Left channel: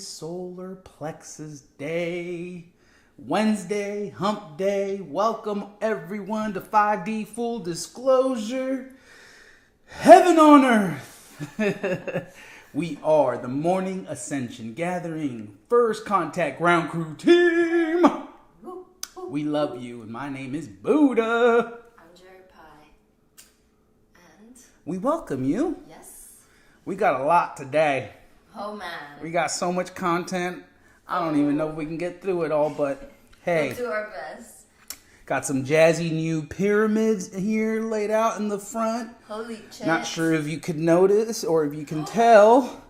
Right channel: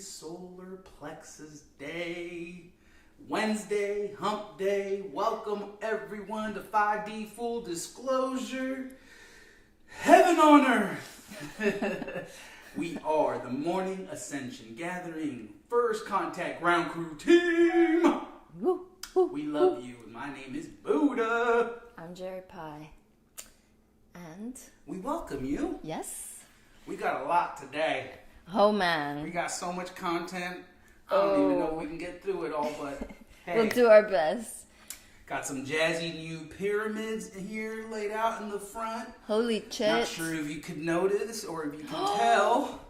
solar plexus day. Wednesday, hump day. Welcome everyone to 5D Full Disclosure. Heaven on earth. We are the Morning Ascension Gathering First Contact Ground Crew Team. We love you, and my name is Buddha. I'm Jeri-Lee. And? We welcome you. Yes. We got a lot today. Oh, man. We got so much content. I don't even know if we can get through it all, but hey. We'll do our best. Got some jazzy new pyramids here laid out in the front. Holy shit. Not sure if you could notice or if you can tell,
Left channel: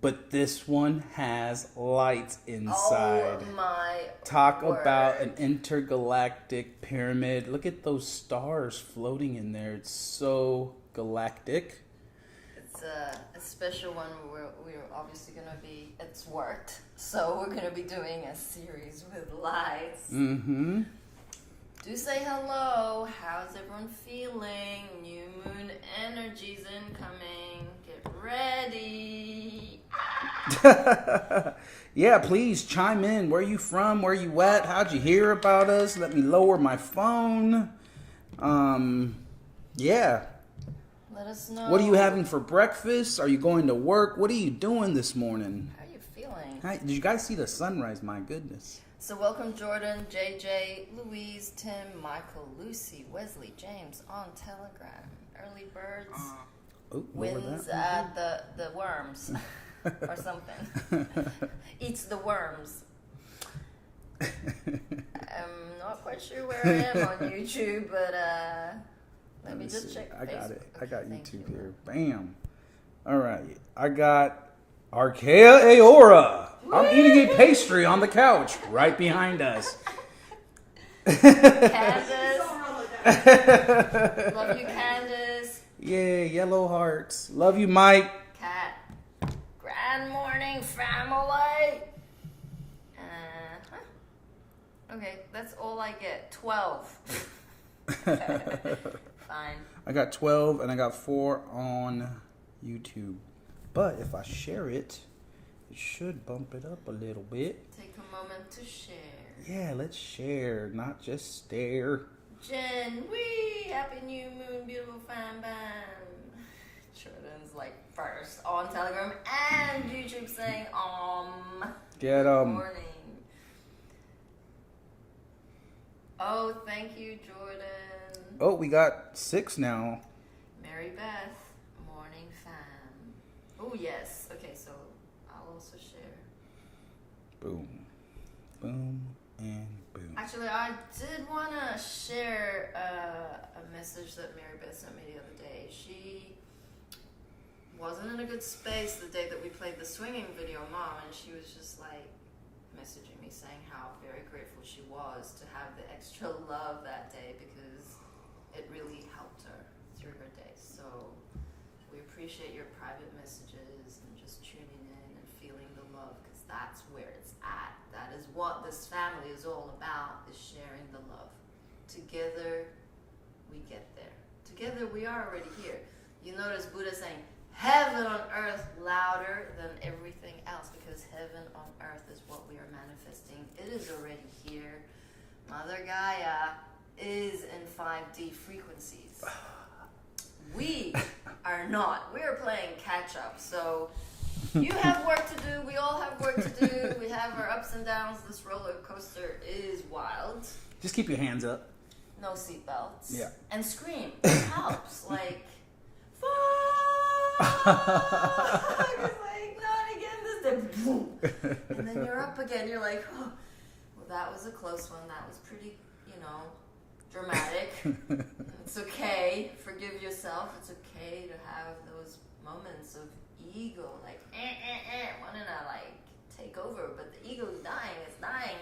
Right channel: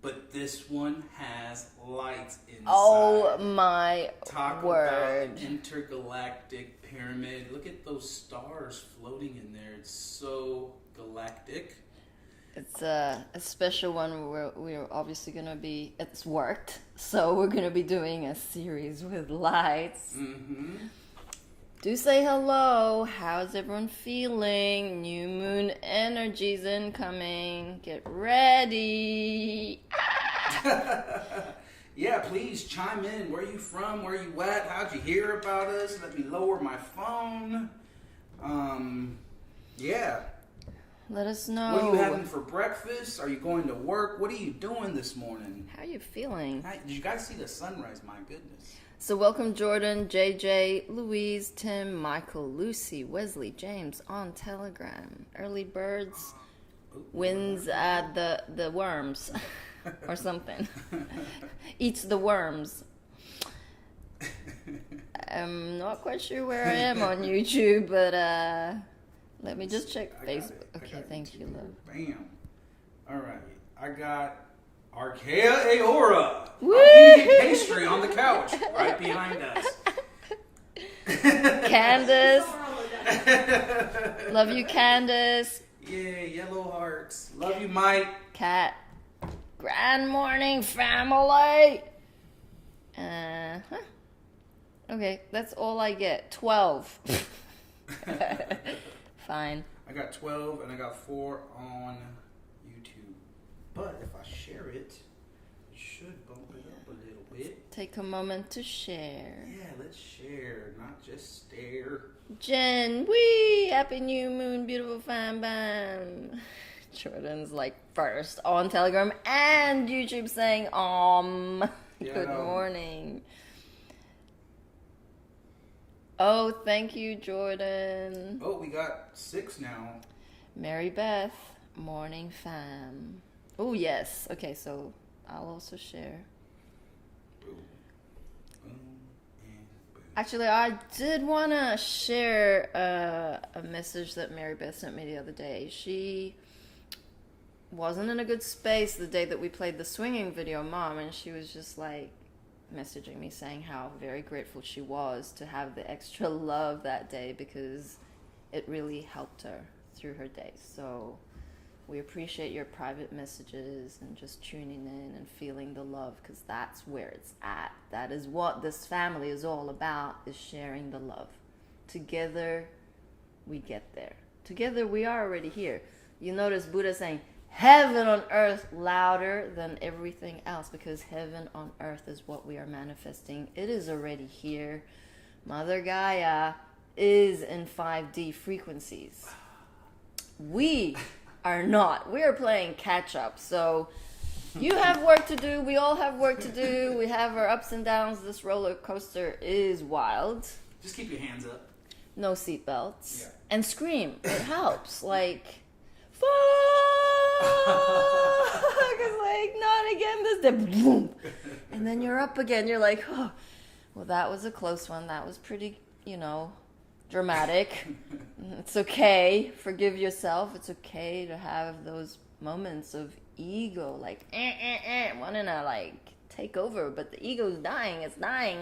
but this one has lights inside. Oh my Talk word. about an intergalactic pyramid. Look at those stars floating in there. It's so galactic. It's a special one where we're obviously going to be, it's worked, so we're going to be doing a series with lights. Mm-hmm. Do say hello. How's everyone feeling? New moon energies incoming. Get ready. Yeah, please chime in. Where you from? Where you at? How'd you hear about us? Let me lower my phone. Yeah. Let us know. What are you having for breakfast? Are you going to work? What are you doing this morning? How are you feeling? Hi, did you guys see the sunrise? My goodness. So welcome Jordan, JJ, Louise, Tim, Michael, Lucy, Wesley, James on Telegram. Early birds wins the worms or something. Eats the worms. I'm not quite sure where I am on YouTube, but let me just check I Facebook. got it. I got thank YouTube you, here. love. Bam. All right. I got Archaea Aora. Woo! I'm eating a pastry on the couch right behind us. Candace. Love you, Candace. Yeah, yellow hearts. Love you, Mike. Cat. Grand morning, family. Okay, that's all I get. 12. Fine. I got 12 and I got 4 on YouTube. But if I share it, it should bump it up a little bit. Take a moment to share. Yeah, let's share, not just stare. Jen, wee! Happy new moon, beautiful fan bam. Jordan's like first on Telegram and YouTube saying Get good morning. Oh, thank you, Jordan. Oh, we got 6 now. Mary Beth, morning fam. Oh, yes. Okay, so I'll also share. Boom. Boom and boom. Actually, I did want to share a message that Mary Beth sent me the other day. She wasn't in a good space the day that we played the swinging video, Mom, and she was just like messaging me saying how very grateful she was to have the extra love that day because it really helped her through her day. So we appreciate your private messages and just tuning in and feeling the love because that's where it's at. That is what this family is all about, is sharing the love. Together, we get there. Together, we are already here. You notice Buddha saying, heaven on earth louder than everything else because heaven on earth is what we are manifesting. It is already here. Mother Gaia is in 5D frequencies. We are not. We are playing catch up. So you have work to do. We all have work to do. We have our ups and downs. This roller coaster is wild. Just keep your hands up. No seatbelts. Yeah. And scream. It helps. Like, fuck! It's like, not again this day. Boom. And then you're up again. You're like, oh, well, that was a close one. That was pretty, dramatic. It's okay. Forgive yourself. It's okay to have those moments of ego, like, wanting to, like, take over. But the ego's dying. It's dying.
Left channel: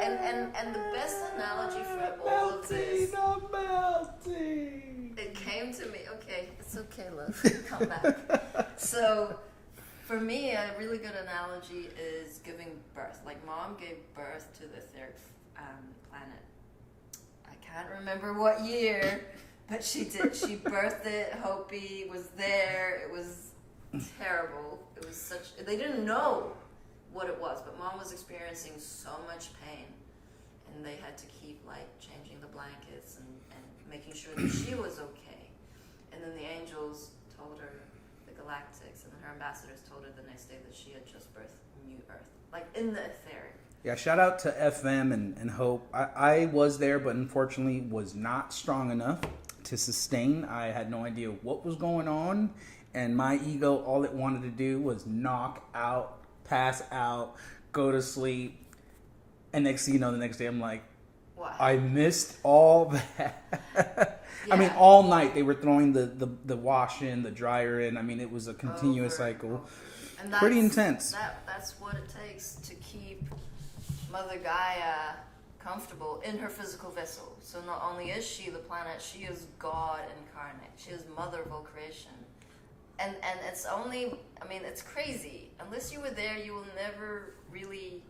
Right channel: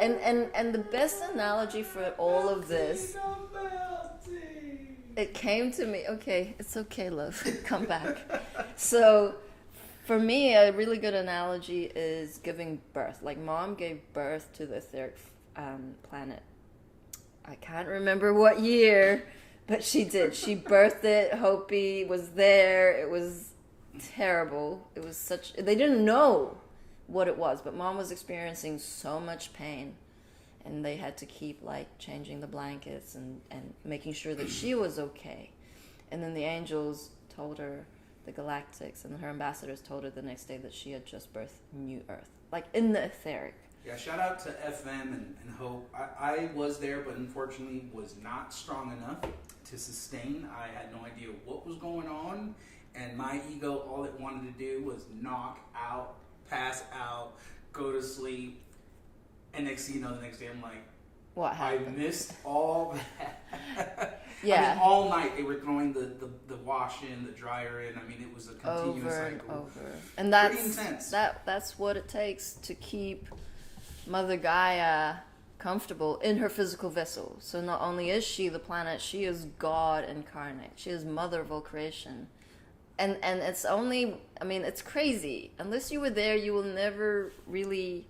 And the best analogy for all of this, it came to me. Okay, it's okay, love. Come back. So, for me, a really good analogy is giving birth. Like, Mom gave birth to the third planet. I can't remember what year, but she did. She birthed it. Hopi was there. It was terrible. It was they didn't know. what it was, but mom was experiencing so much pain, and they had to keep like changing the blankets and making sure that she was okay. And then the angels told her, the galactics and her ambassadors told her the next day that she had just birthed new earth, like in the etheric. Yeah, shout out to FM and Hope. I was there, but unfortunately was not strong enough to sustain. I had no idea what was going on, and my ego, all it wanted to do was knock out, pass out, go to sleep. And next thing you know, the next day I'm like, what I missed all that. Yeah. I mean, all night they were throwing the wash in, the dryer in. I mean, it was a continuous cycle. And that's pretty intense. That's what it takes to keep Mother Gaia comfortable in her physical vessel. So not only is she the planet, she is God incarnate. She is mother of all creation. And it's only, I mean, it's crazy. Unless you were there, you will never really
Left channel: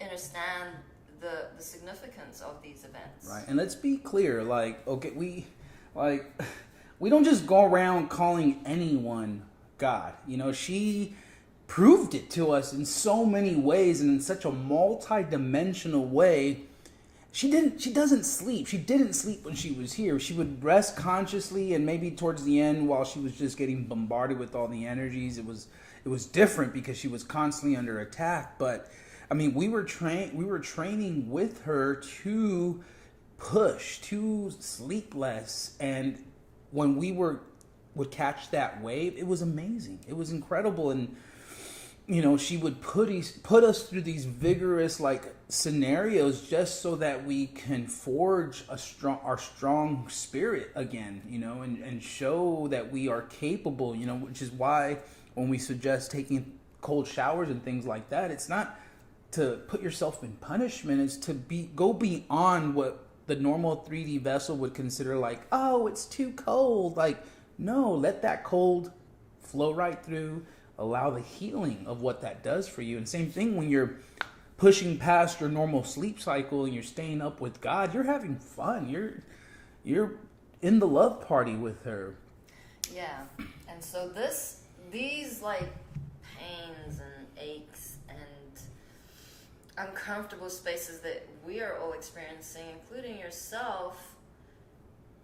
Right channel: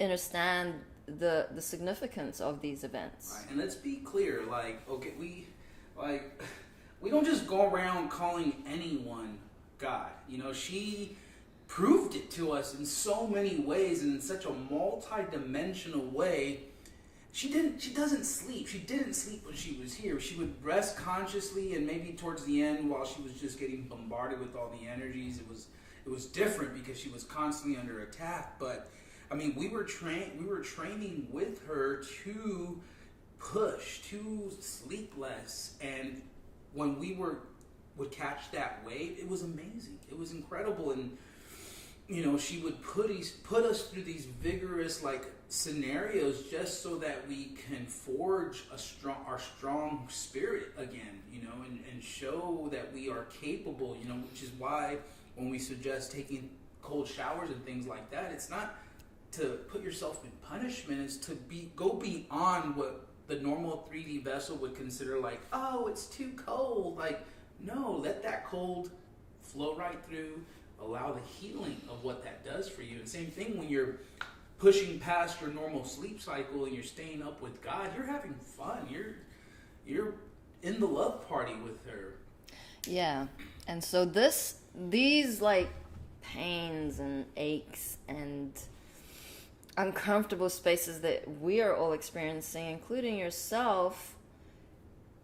understand the significance of these events. Right. And let's be clear, like, okay, we don't just go around calling anyone God. You know, she proved it to us in so many ways and in such a multi-dimensional way. She doesn't sleep. She didn't sleep when she was here. She would rest consciously, and maybe towards the end while she was just getting bombarded with all the energies, it was different because she was constantly under attack. But I mean, we were training with her to push, to sleep less, and when we would catch that wave, it was amazing. It was incredible. And you know, she would put us through these vigorous like scenarios just so that we can forge our strong spirit again, you know, and show that we are capable, you know, which is why when we suggest taking cold showers and things like that, it's not to put yourself in punishment, it's to go beyond what the normal 3D vessel would consider like, oh, it's too cold. Like, no, let that cold flow right through. Allow the healing of what that does for you. And same thing when you're pushing past your normal sleep cycle and you're staying up with God, you're having fun. You're in the love party with her. Yeah. And so these like pains and aches and uncomfortable spaces that we are all experiencing, including yourself,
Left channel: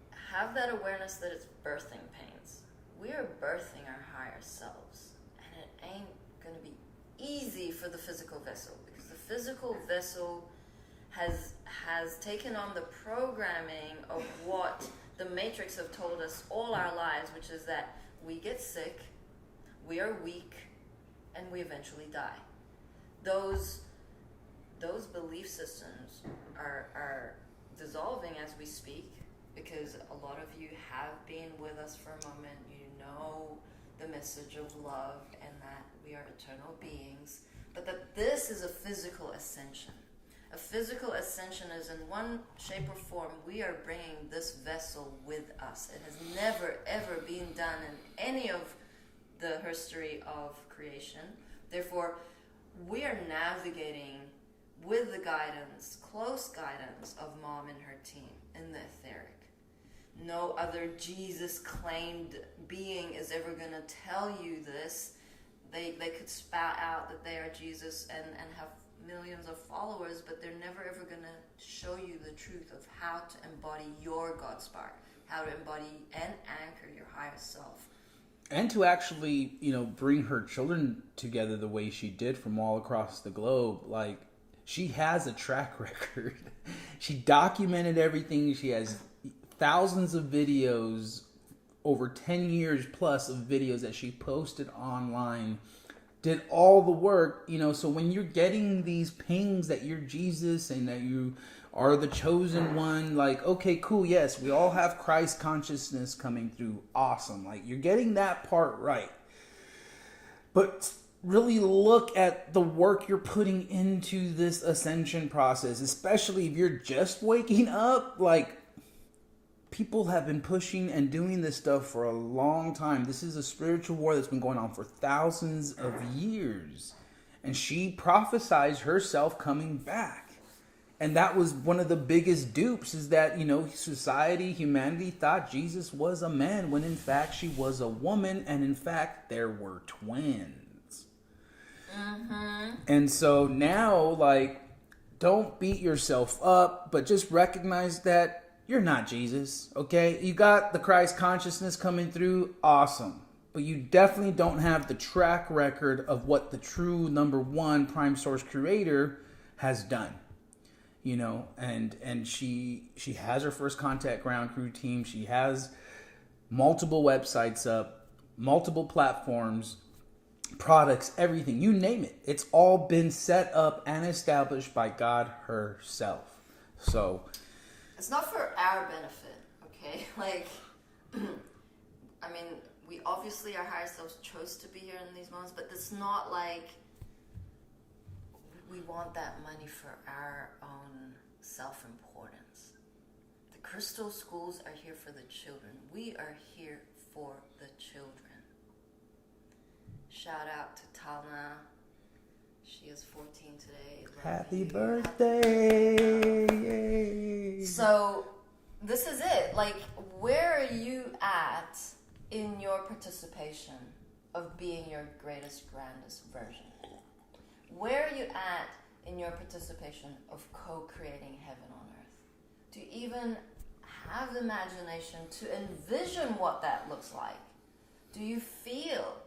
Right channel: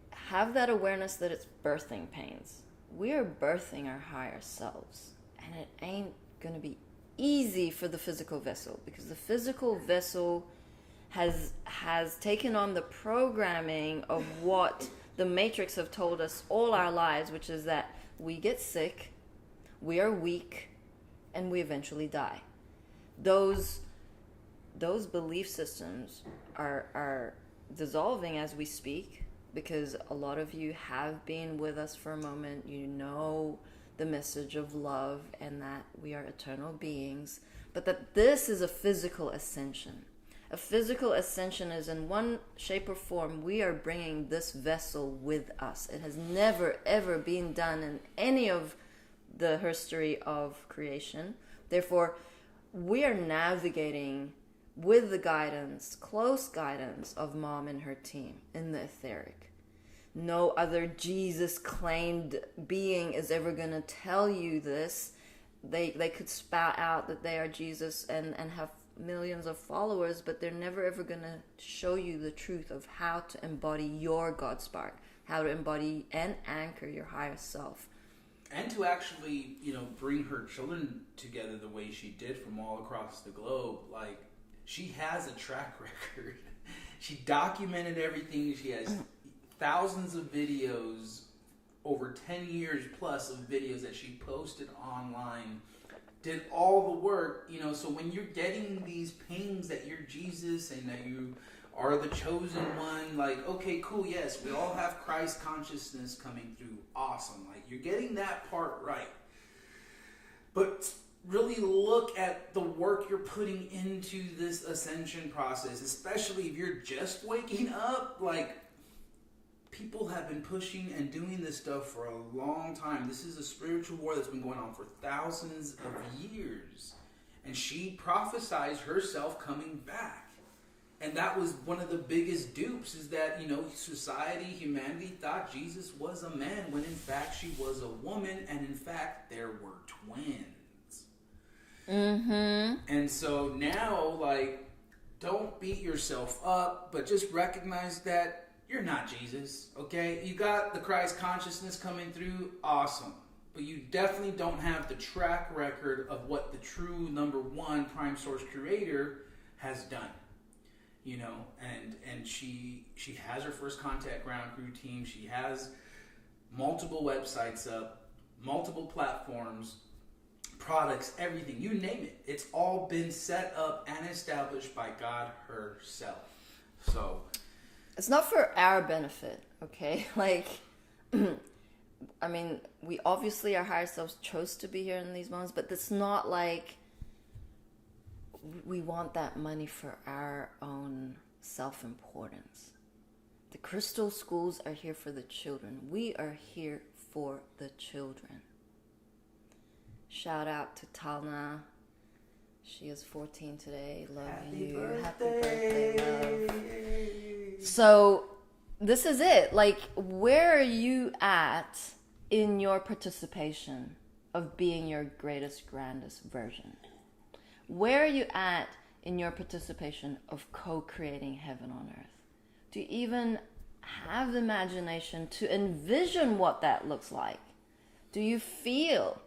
have that awareness that it's birthing pains. We are birthing our higher selves. And it ain't going to be easy for the physical vessel, because the physical vessel has taken on the programming of what the Matrix have told us all our lives, which is that we get sick, we are weak, and we eventually die. Those belief systems are dissolving as we speak, because a lot of you have been with us for a moment. You know the message of love and that we are eternal beings, but that this is a physical ascension. A physical ascension is in one shape or form, we are bringing this vessel with us. It has never ever been done in any of the history of creation. Therefore, we are navigating with the guidance, close guidance of Mom and her team in the etheric. No other Jesus-claimed being is ever going to tell you this. They could spout out that they are Jesus and have millions of followers, but they're never ever going to show you the truth of how to embody your God spark, how to embody and anchor your higher self. And to actually, you know, bring her children together the way she did from all across the globe. Like, she has a track record. She documented everything. She has thousands of videos, over 10 years plus of videos that she posted online, did all the work, you know. So when you're getting these pings that you're Jesus and that you are the chosen one, like, okay, cool, yes, we all have Christ consciousness coming through, awesome, like, you're getting that part right. But really look at the work you're putting into this ascension process, especially if you're just waking up. Like, people have been pushing and doing this stuff for a long time. This is a spiritual war that's been going on for thousands of years. And she prophesied herself coming back. And that was one of the biggest dupes, is that, you know, humanity thought Jesus was a man, when in fact she was a woman, and in fact there were twins. Mm-hmm. And so now, like, don't beat yourself up, but just recognize that you're not Jesus, okay? You got the Christ consciousness coming through, awesome. But you definitely don't have the track record of what the true number one prime source creator has done. You know, and she has her first contact ground crew team. She has multiple websites up, multiple platforms, products, everything, you name it. It's all been set up and established by God herself. So it's not for our benefit, okay? Like, I mean, we obviously, our higher selves chose to be here in these moments, but it's not like we want that money for our own self-importance. The crystal schools are here for the children. We are here for the children. Shout out to Talna. She is 14 today. Love happy you. birthday. Happy birthday, love. So this is it. Like, where are you at in your participation of being your greatest, grandest version? Where are you at in your participation of co-creating heaven on earth? Do you even have the imagination to envision what that looks like? Do you feel?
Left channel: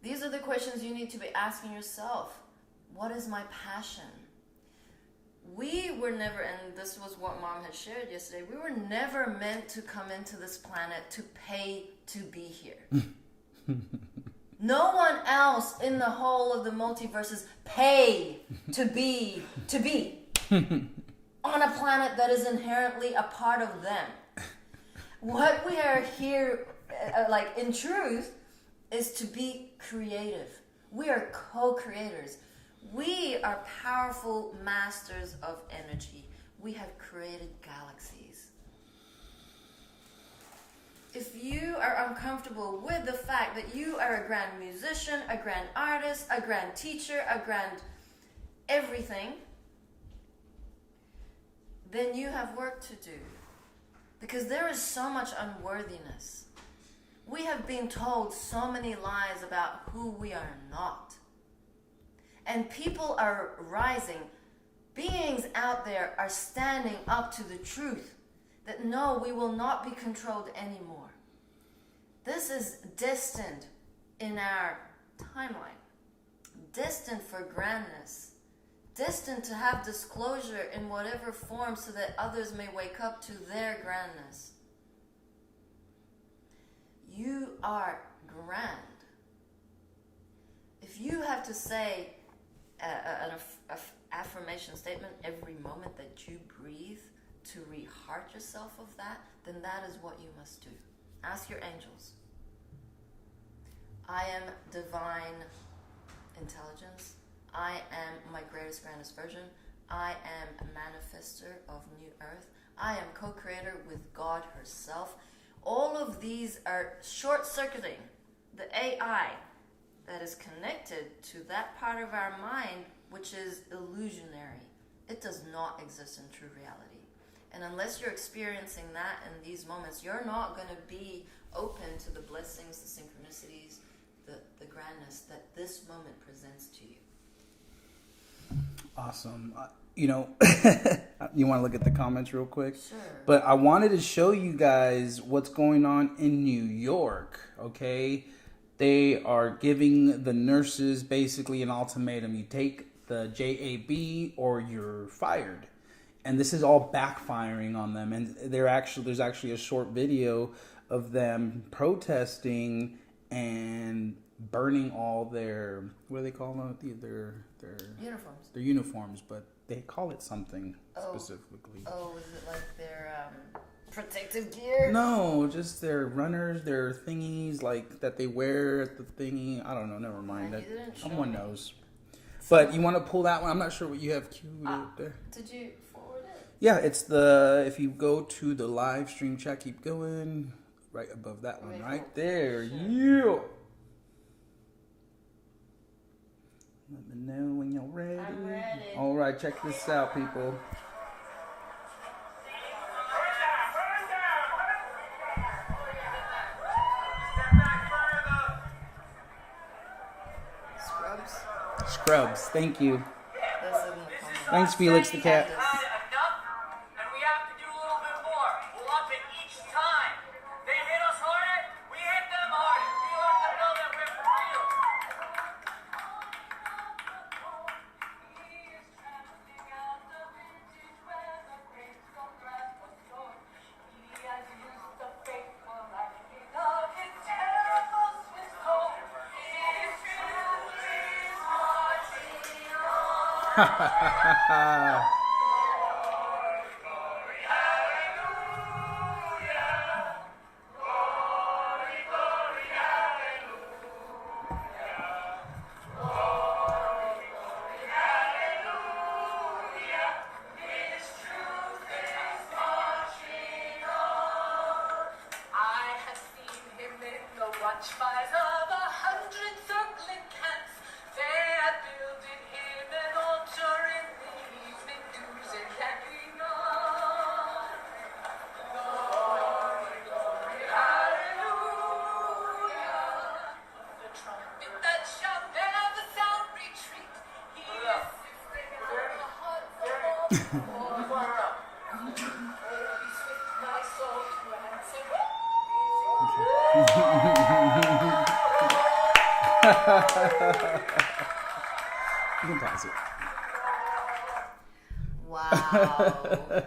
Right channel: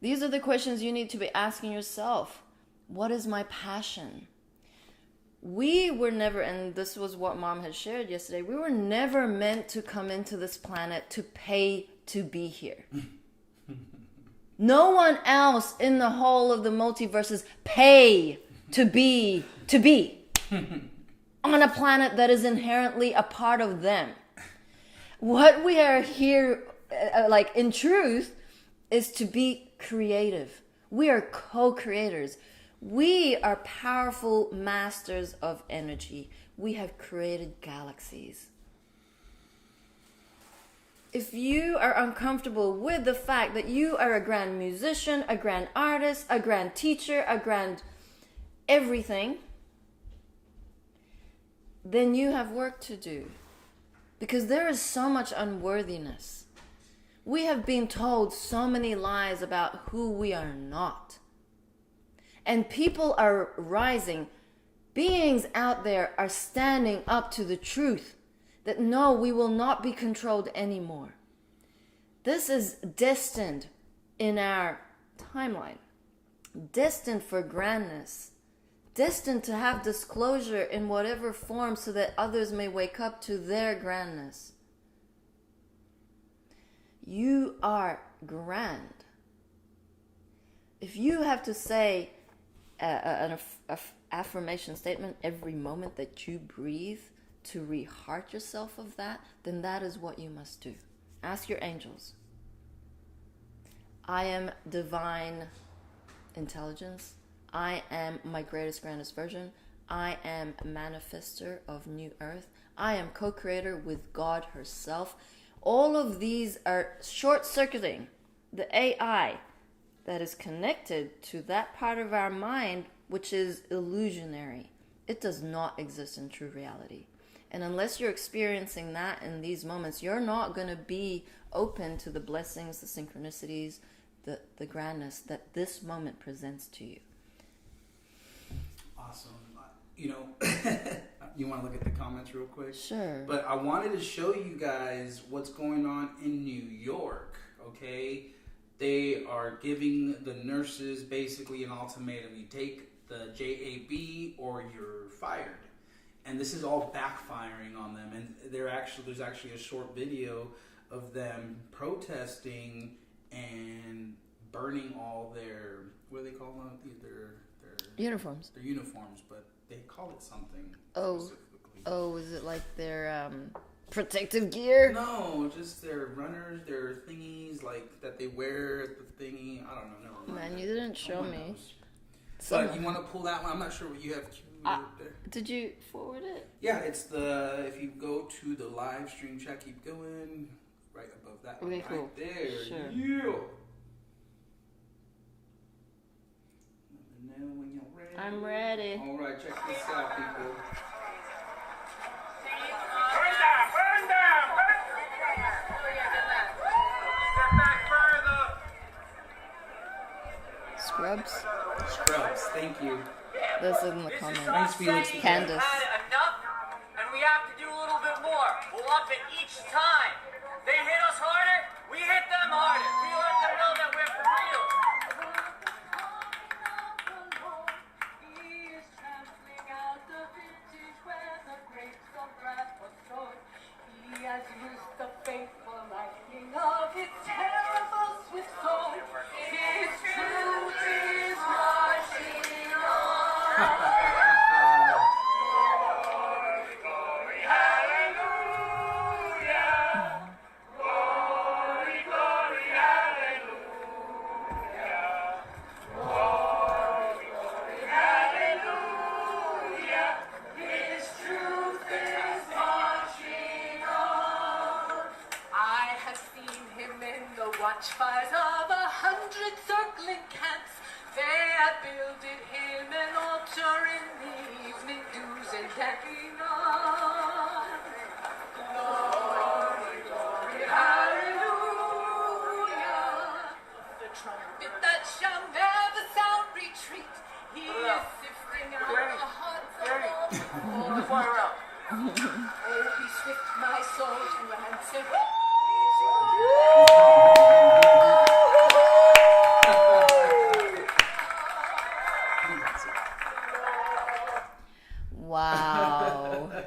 These are the questions you need to be asking yourself. What is my passion? We were never, and this was what Mom had shared yesterday, we were never meant to come into this planet to pay to be here. No one else in the whole of the multiverses pay to be on a planet that is inherently a part of them. What we are here, like in truth, is to be creative. We are co-creators. We are powerful masters of energy. We have created galaxies. If you are uncomfortable with the fact that you are a grand musician, a grand artist, a grand teacher, a grand everything, then you have work to do. Because there is so much unworthiness. We have been told so many lies about who we are not. And people are rising. Beings out there are standing up to the truth that no, we will not be controlled anymore. This is destined in our timeline. Destined for grandness. Destined to have disclosure in whatever form so that others may wake up to their grandness. You are grand. If you have to say an affirmation statement every moment that you breathe to re-heart yourself of that, then that is what you must do. Ask your angels. I am divine intelligence. I am my greatest, grandest version. I am a manifester of new earth. I am co-creator with God herself. All of these are short-circuiting the AI that is connected to that part of our mind which is illusionary. It does not exist in true reality. And unless you're experiencing that in these moments, you're not going to be open to the blessings, the synchronicities, the grandness that this moment presents to you. Awesome. You know, you want to look at the comments real quick? Sure. But I wanted to show you guys what's going on in New York, okay? They are giving the nurses basically an ultimatum. You take the JAB or you're fired. And this is all backfiring on them. And there's actually a short video of them protesting and burning all their, what do they call them? Their uniforms. Their uniforms, but they call it something specifically. Oh, is it like their protective gear? No, just their runners, their thingies like that they wear at the thingy. I don't know. Never mind. Man, you didn't show Someone me. knows. But you want to pull that one? I'm not sure what you have queued up there. Did you forward it? Yeah, it's if you go to the live stream chat, keep going. Right above that one, Okay, right cool. there. Sure. Yeah. Let me know when you're ready. I'm ready. All right, check this out, people. Scrubs. subs. Thank you. This is in the comments. Thanks, Felix the cat. Candace. Enough, and we have to do a little bit more. We'll up it each time. They hit us harder, we hit them harder. We let them know that we're for real. Watchfires of 100 circling camps, they had builded him an altar in the evening dews and candy on. Glory, glory, hallelujah. The trumpet that shall never sound retreat. He is sifting out the hearts of all. Oh, be swift, my soul, to answer. You can pass it. Wow.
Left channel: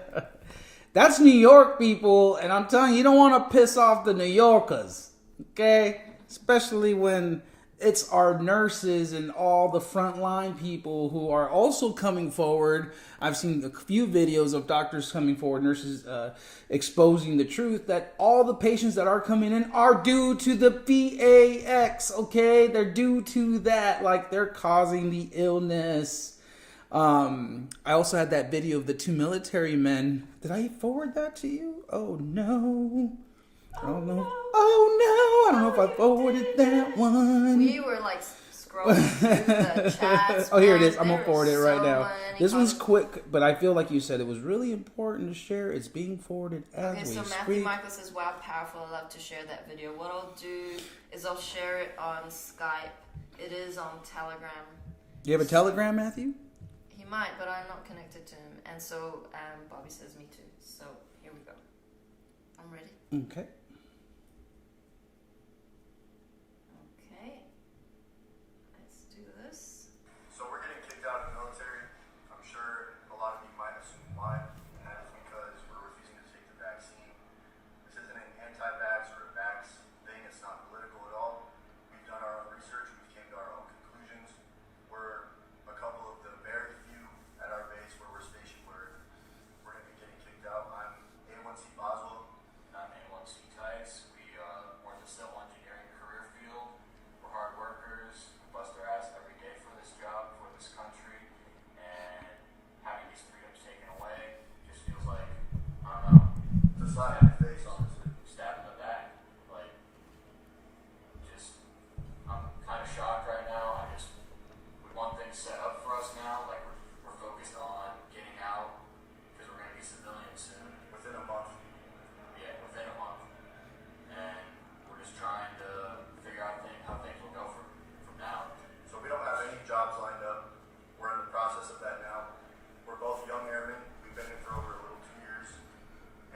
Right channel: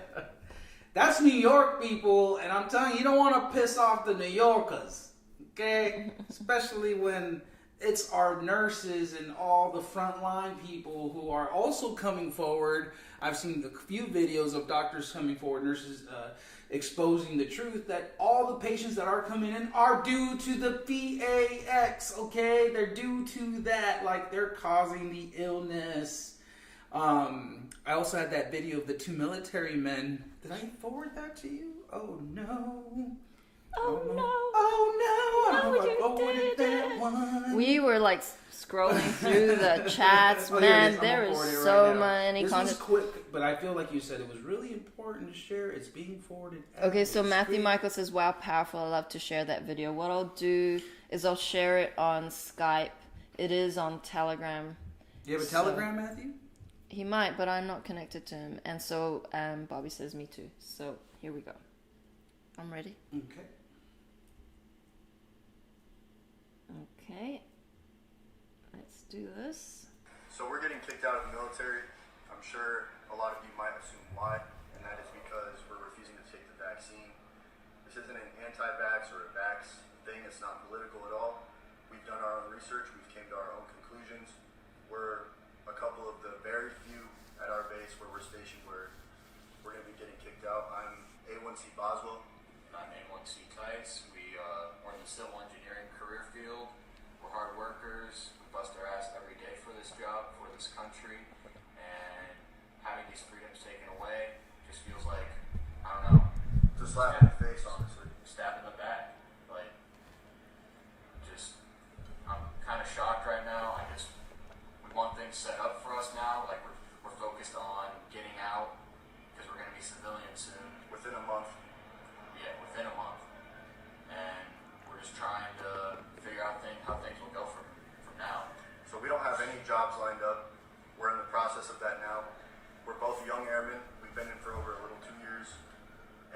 That's New York, people, and I'm telling you, you don't want to piss off the New Yorkers, okay? Especially when it's our nurses and all the frontline people who are also coming forward. I've seen a few videos of doctors coming forward, nurses exposing the truth that all the patients that are coming in are due to the PAX, okay? They're due to that, like they're causing the illness. I also had that video of the 2 military men. Did I forward that to you? Oh no. Oh no. Oh no. I don't know if I forwarded that one. We were like scrolling through the chats. Oh, here it man. is. I'm There going to forward it was right so now. many This one's comments. quick, but I feel like you said it was really important to share. It's being forwarded. Okay, so we Matthew speak. Michael says, wow, powerful. I love to share that video. What I'll do is I'll share it on Skype. It is on Telegram. Do you have a Telegram, Matthew? He might, but I'm not connected to him. And so Bobby says me too. So here we go. I'm ready. Okay. Okay. Let's do this. So we're getting kicked out of the military. I'm sure a lot of you might assume why, and that is because we're refusing to take the vaccine. This isn't an anti-vax or a vax thing. It's not political at all. We've done our own research. We've came to our own conclusions. We're a couple of the very few at our base where we're stationed where we're going to be getting kicked out. I'm A1C Boswell. And I'm A1C Tice. We're in the civil engineering career field. We're hard workers. We bust our ass every day for this job, for this country. And having these freedoms taken away just feels like, I don't know, It's a slap in the face, honestly. stab in the back. Like, just, I'm kind of shocked right now. We want things set up for us now. Like, we're focused on getting out because we're going to be civilians soon. Within a month. Yeah, within a month. And we're just trying to figure out how things will go from now. So we don't have any jobs lined up. We're in the process of that now. We're both young airmen. We've been in for over a little 2 years.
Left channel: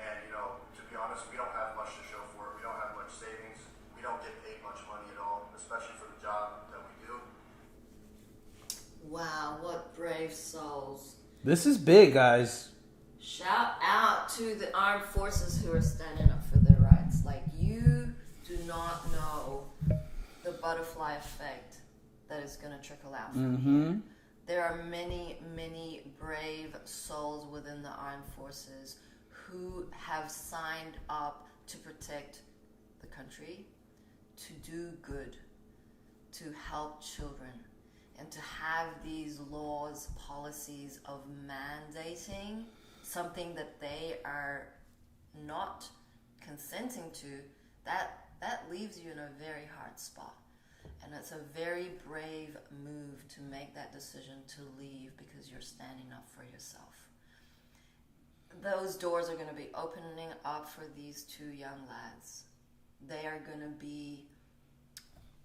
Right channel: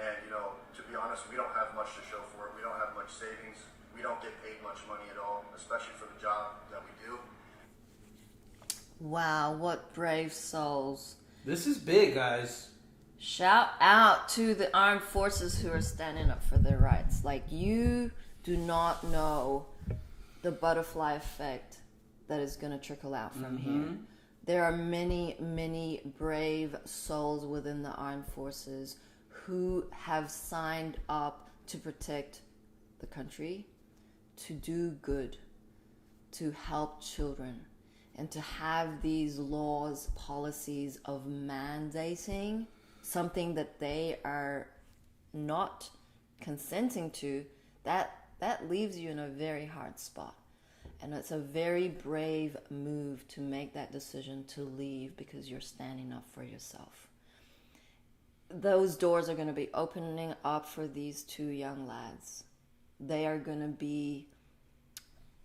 And, to be honest, we don't have much to show for it. We don't have much savings. We don't get paid much money at all, especially for the job that we do. Wow, what brave souls. This is big, guys. Shout out to the armed forces who are standing up for their rights. Like, you do not know the butterfly effect that is going to trickle out from here. There are many, many brave souls within the armed forces who have signed up to protect the country, to do good, to help children, and to have these laws, policies of mandating something that they are not consenting to, that leaves you in a very hard spot. And it's a very brave move to make that decision to leave because you're standing up for yourself. Those doors are going to be opening up for these 2 young lads. They are going to be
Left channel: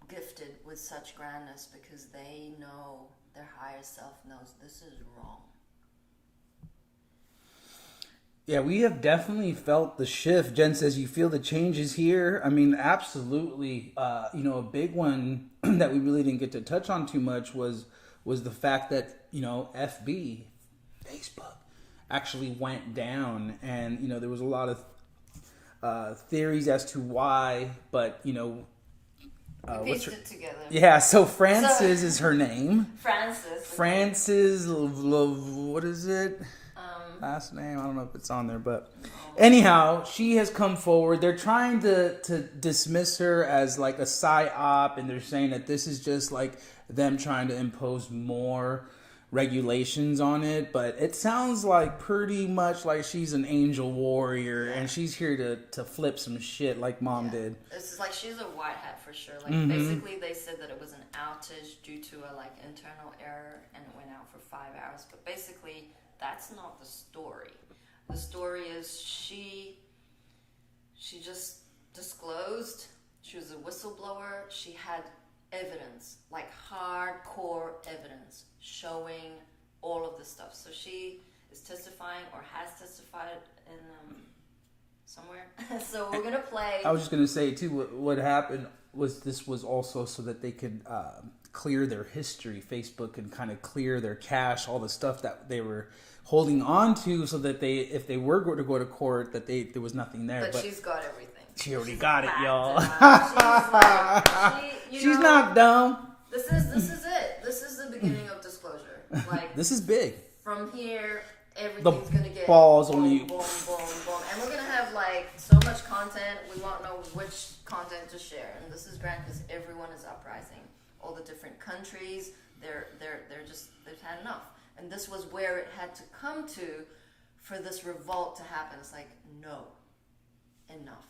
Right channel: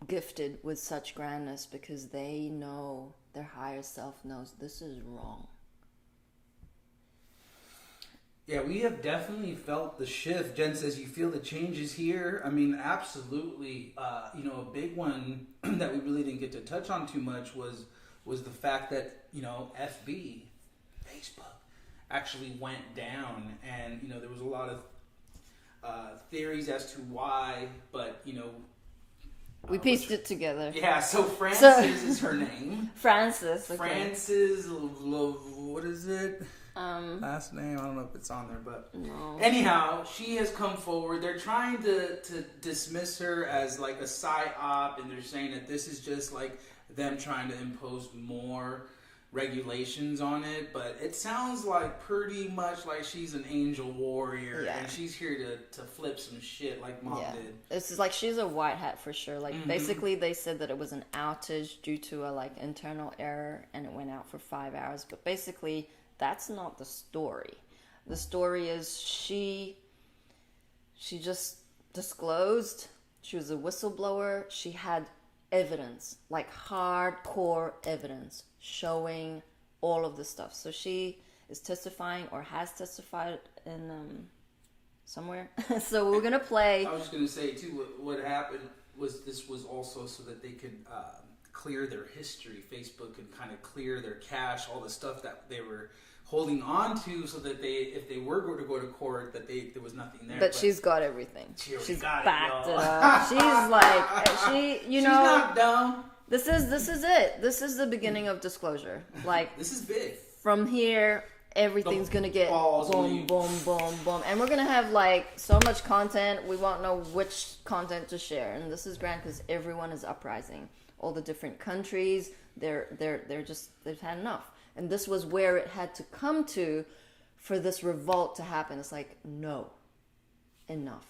gifted with such grandness because they know, their higher self knows this is wrong. Yeah, we have definitely felt the shift. Jen says, you feel the changes here? I mean, absolutely. A big one that we really didn't get to touch on too much was the fact that, FB, Facebook, actually went down. And, there was a lot of theories as to why, but, we pieced it together. Yeah, so Frances is her name. Frances. Okay. Frances, what is it? Last name, I don't know if it's on there, but anyhow, she has come forward. They're trying to dismiss her as like a psyop, and they're saying that this is just like them trying to impose more regulations on it. But it sounds like pretty much like she's an angel warrior, and she's here to flip some shit like Mom did. This is like, she's a white hat for sure. Like basically they said that it was an outage due to a like internal error, and it went out for 5 hours. But basically, that's not the story. The story is she just disclosed. She was a whistleblower. She had evidence, like hardcore evidence, showing all of the stuff. So she is testifying, or has testified in somewhere. So we're gonna play. I was just gonna say too, what happened was this was also so that they could clear their history. Facebook could kind of clear their cache, all the stuff that they were holding on to, so that if they were going to go to court, that there was nothing there. But she's got everything. She already got it, y'all. She's like, she's not dumb. This is it. This is the beginning of disclosure. Like, this is big. From here, everything's gonna get balls boom, on you. boom, boom, boom, and we're gonna have like so much content. We won't know which content to share, and this is grand because everyone is uprising. All the different countries, they've had enough. And this was where it had to come to for this revolt to happen. It's like, no, enough.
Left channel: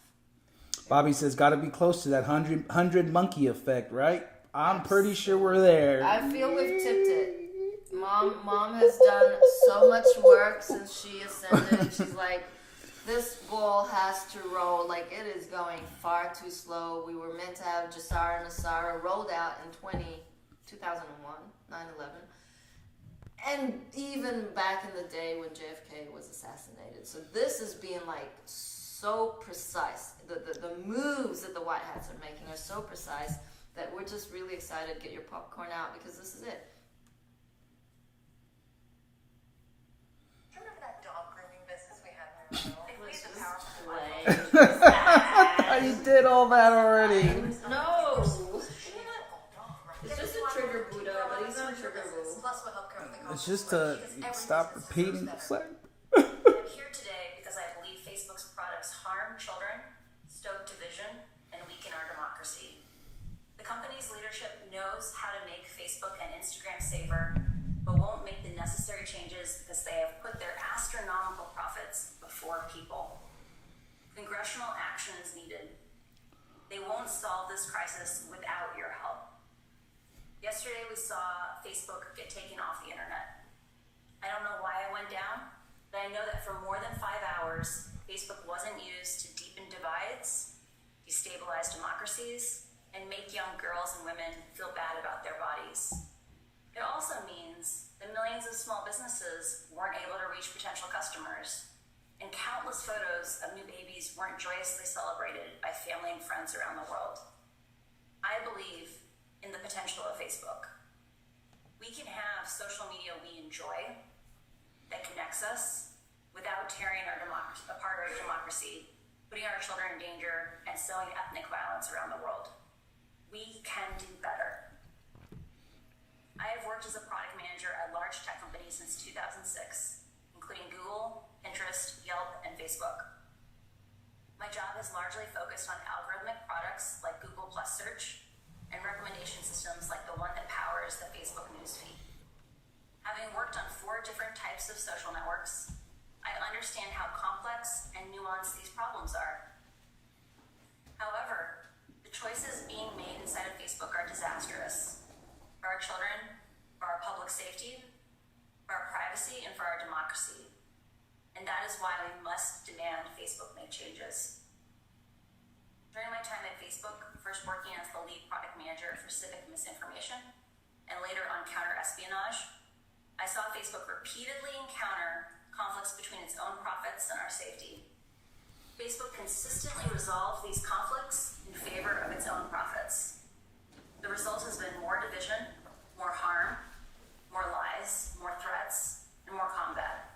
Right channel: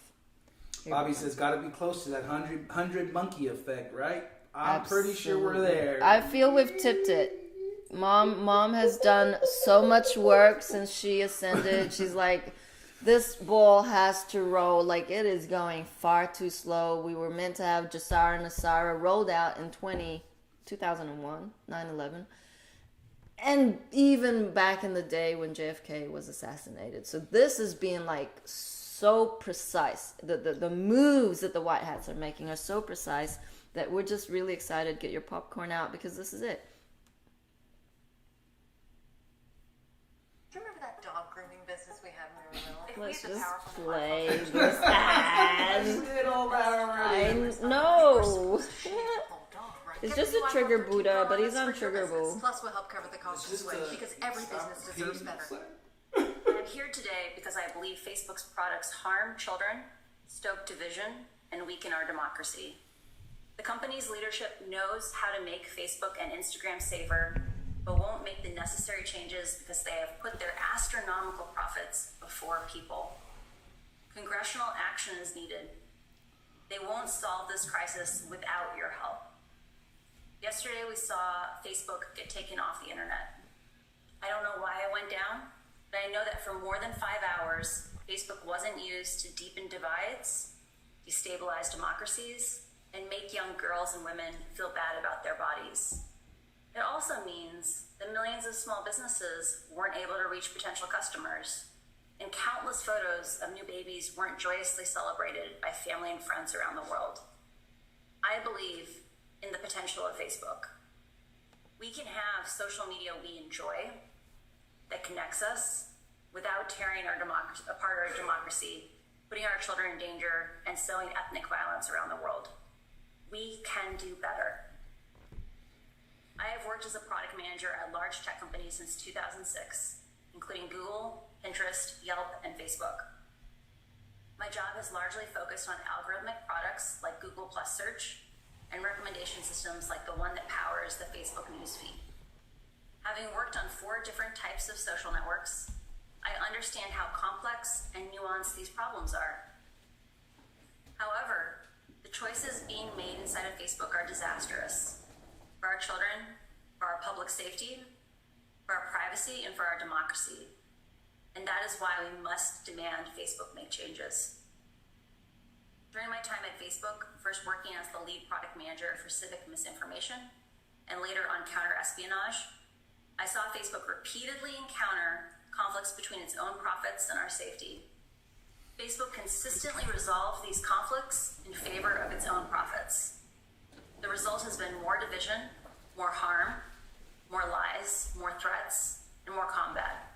Bobby says, got to be close to that 100 monkey effect, right? I'm pretty sure we're there. I feel we've tipped it. Mom has done so much work since she ascended. She's like, this ball has to roll. Like, it is going far too slow. We were meant to have Jassara and Nasara rolled out in 2001, 9/11. And even back in the day when JFK was assassinated. So this is being like so precise. The moves that the White Hats are making are so precise that we're just really excited. Get your popcorn out because this is it. Do you remember that dog grooming business we had when we were little? Let's We used to just power play. You did all that already. No. It's just a trigger Buddha, but he's untriggerable. Plus, we'll help cover the cost. It's just to stop repeating. I'm here today because I believe Facebook's products harm children, stoke division, and weaken our democracy. The company's leadership knows how to make Facebook and Instagram safer, but won't make the necessary changes because they have put their astronomical profits before people. Congressional action is needed. They won't solve this crisis without your help. Yesterday we saw Facebook get taken off the internet. I don't know why it went down, but I know that for more than 5 hours, Facebook wasn't used to deepen divides, destabilize democracies, and make young girls and women feel bad about their bodies. It also means that millions of small businesses weren't able to reach potential customers, and countless photos of new babies weren't joyously celebrated by family and friends around the world. I believe in the potential of Facebook. We can have social media we enjoy that connects us without tearing apart our democracy, putting our children in danger, and sowing ethnic violence around the world. We can do better. I have worked as a product manager at large tech companies since 2006, including Google, Pinterest, Yelp, and Facebook. My job has largely focused on algorithmic products like Google Plus Search, and recommendation systems like the one that powers the Facebook newsfeed. Having worked on 4 different types of social networks, I understand how complex and nuanced these problems are. However, the choices being made inside of Facebook are disastrous for our children, for our public safety, for our privacy, and for our democracy. And that is why we must demand Facebook make changes. During my time at Facebook, first working as the lead product manager for civic misinformation, and later on counter-espionage, I saw Facebook repeatedly encounter conflicts between its own profits and our safety. Facebook consistently resolved these conflicts in favor of its own profits. The result has been more division, more harm, more lies, more threats, and more combat.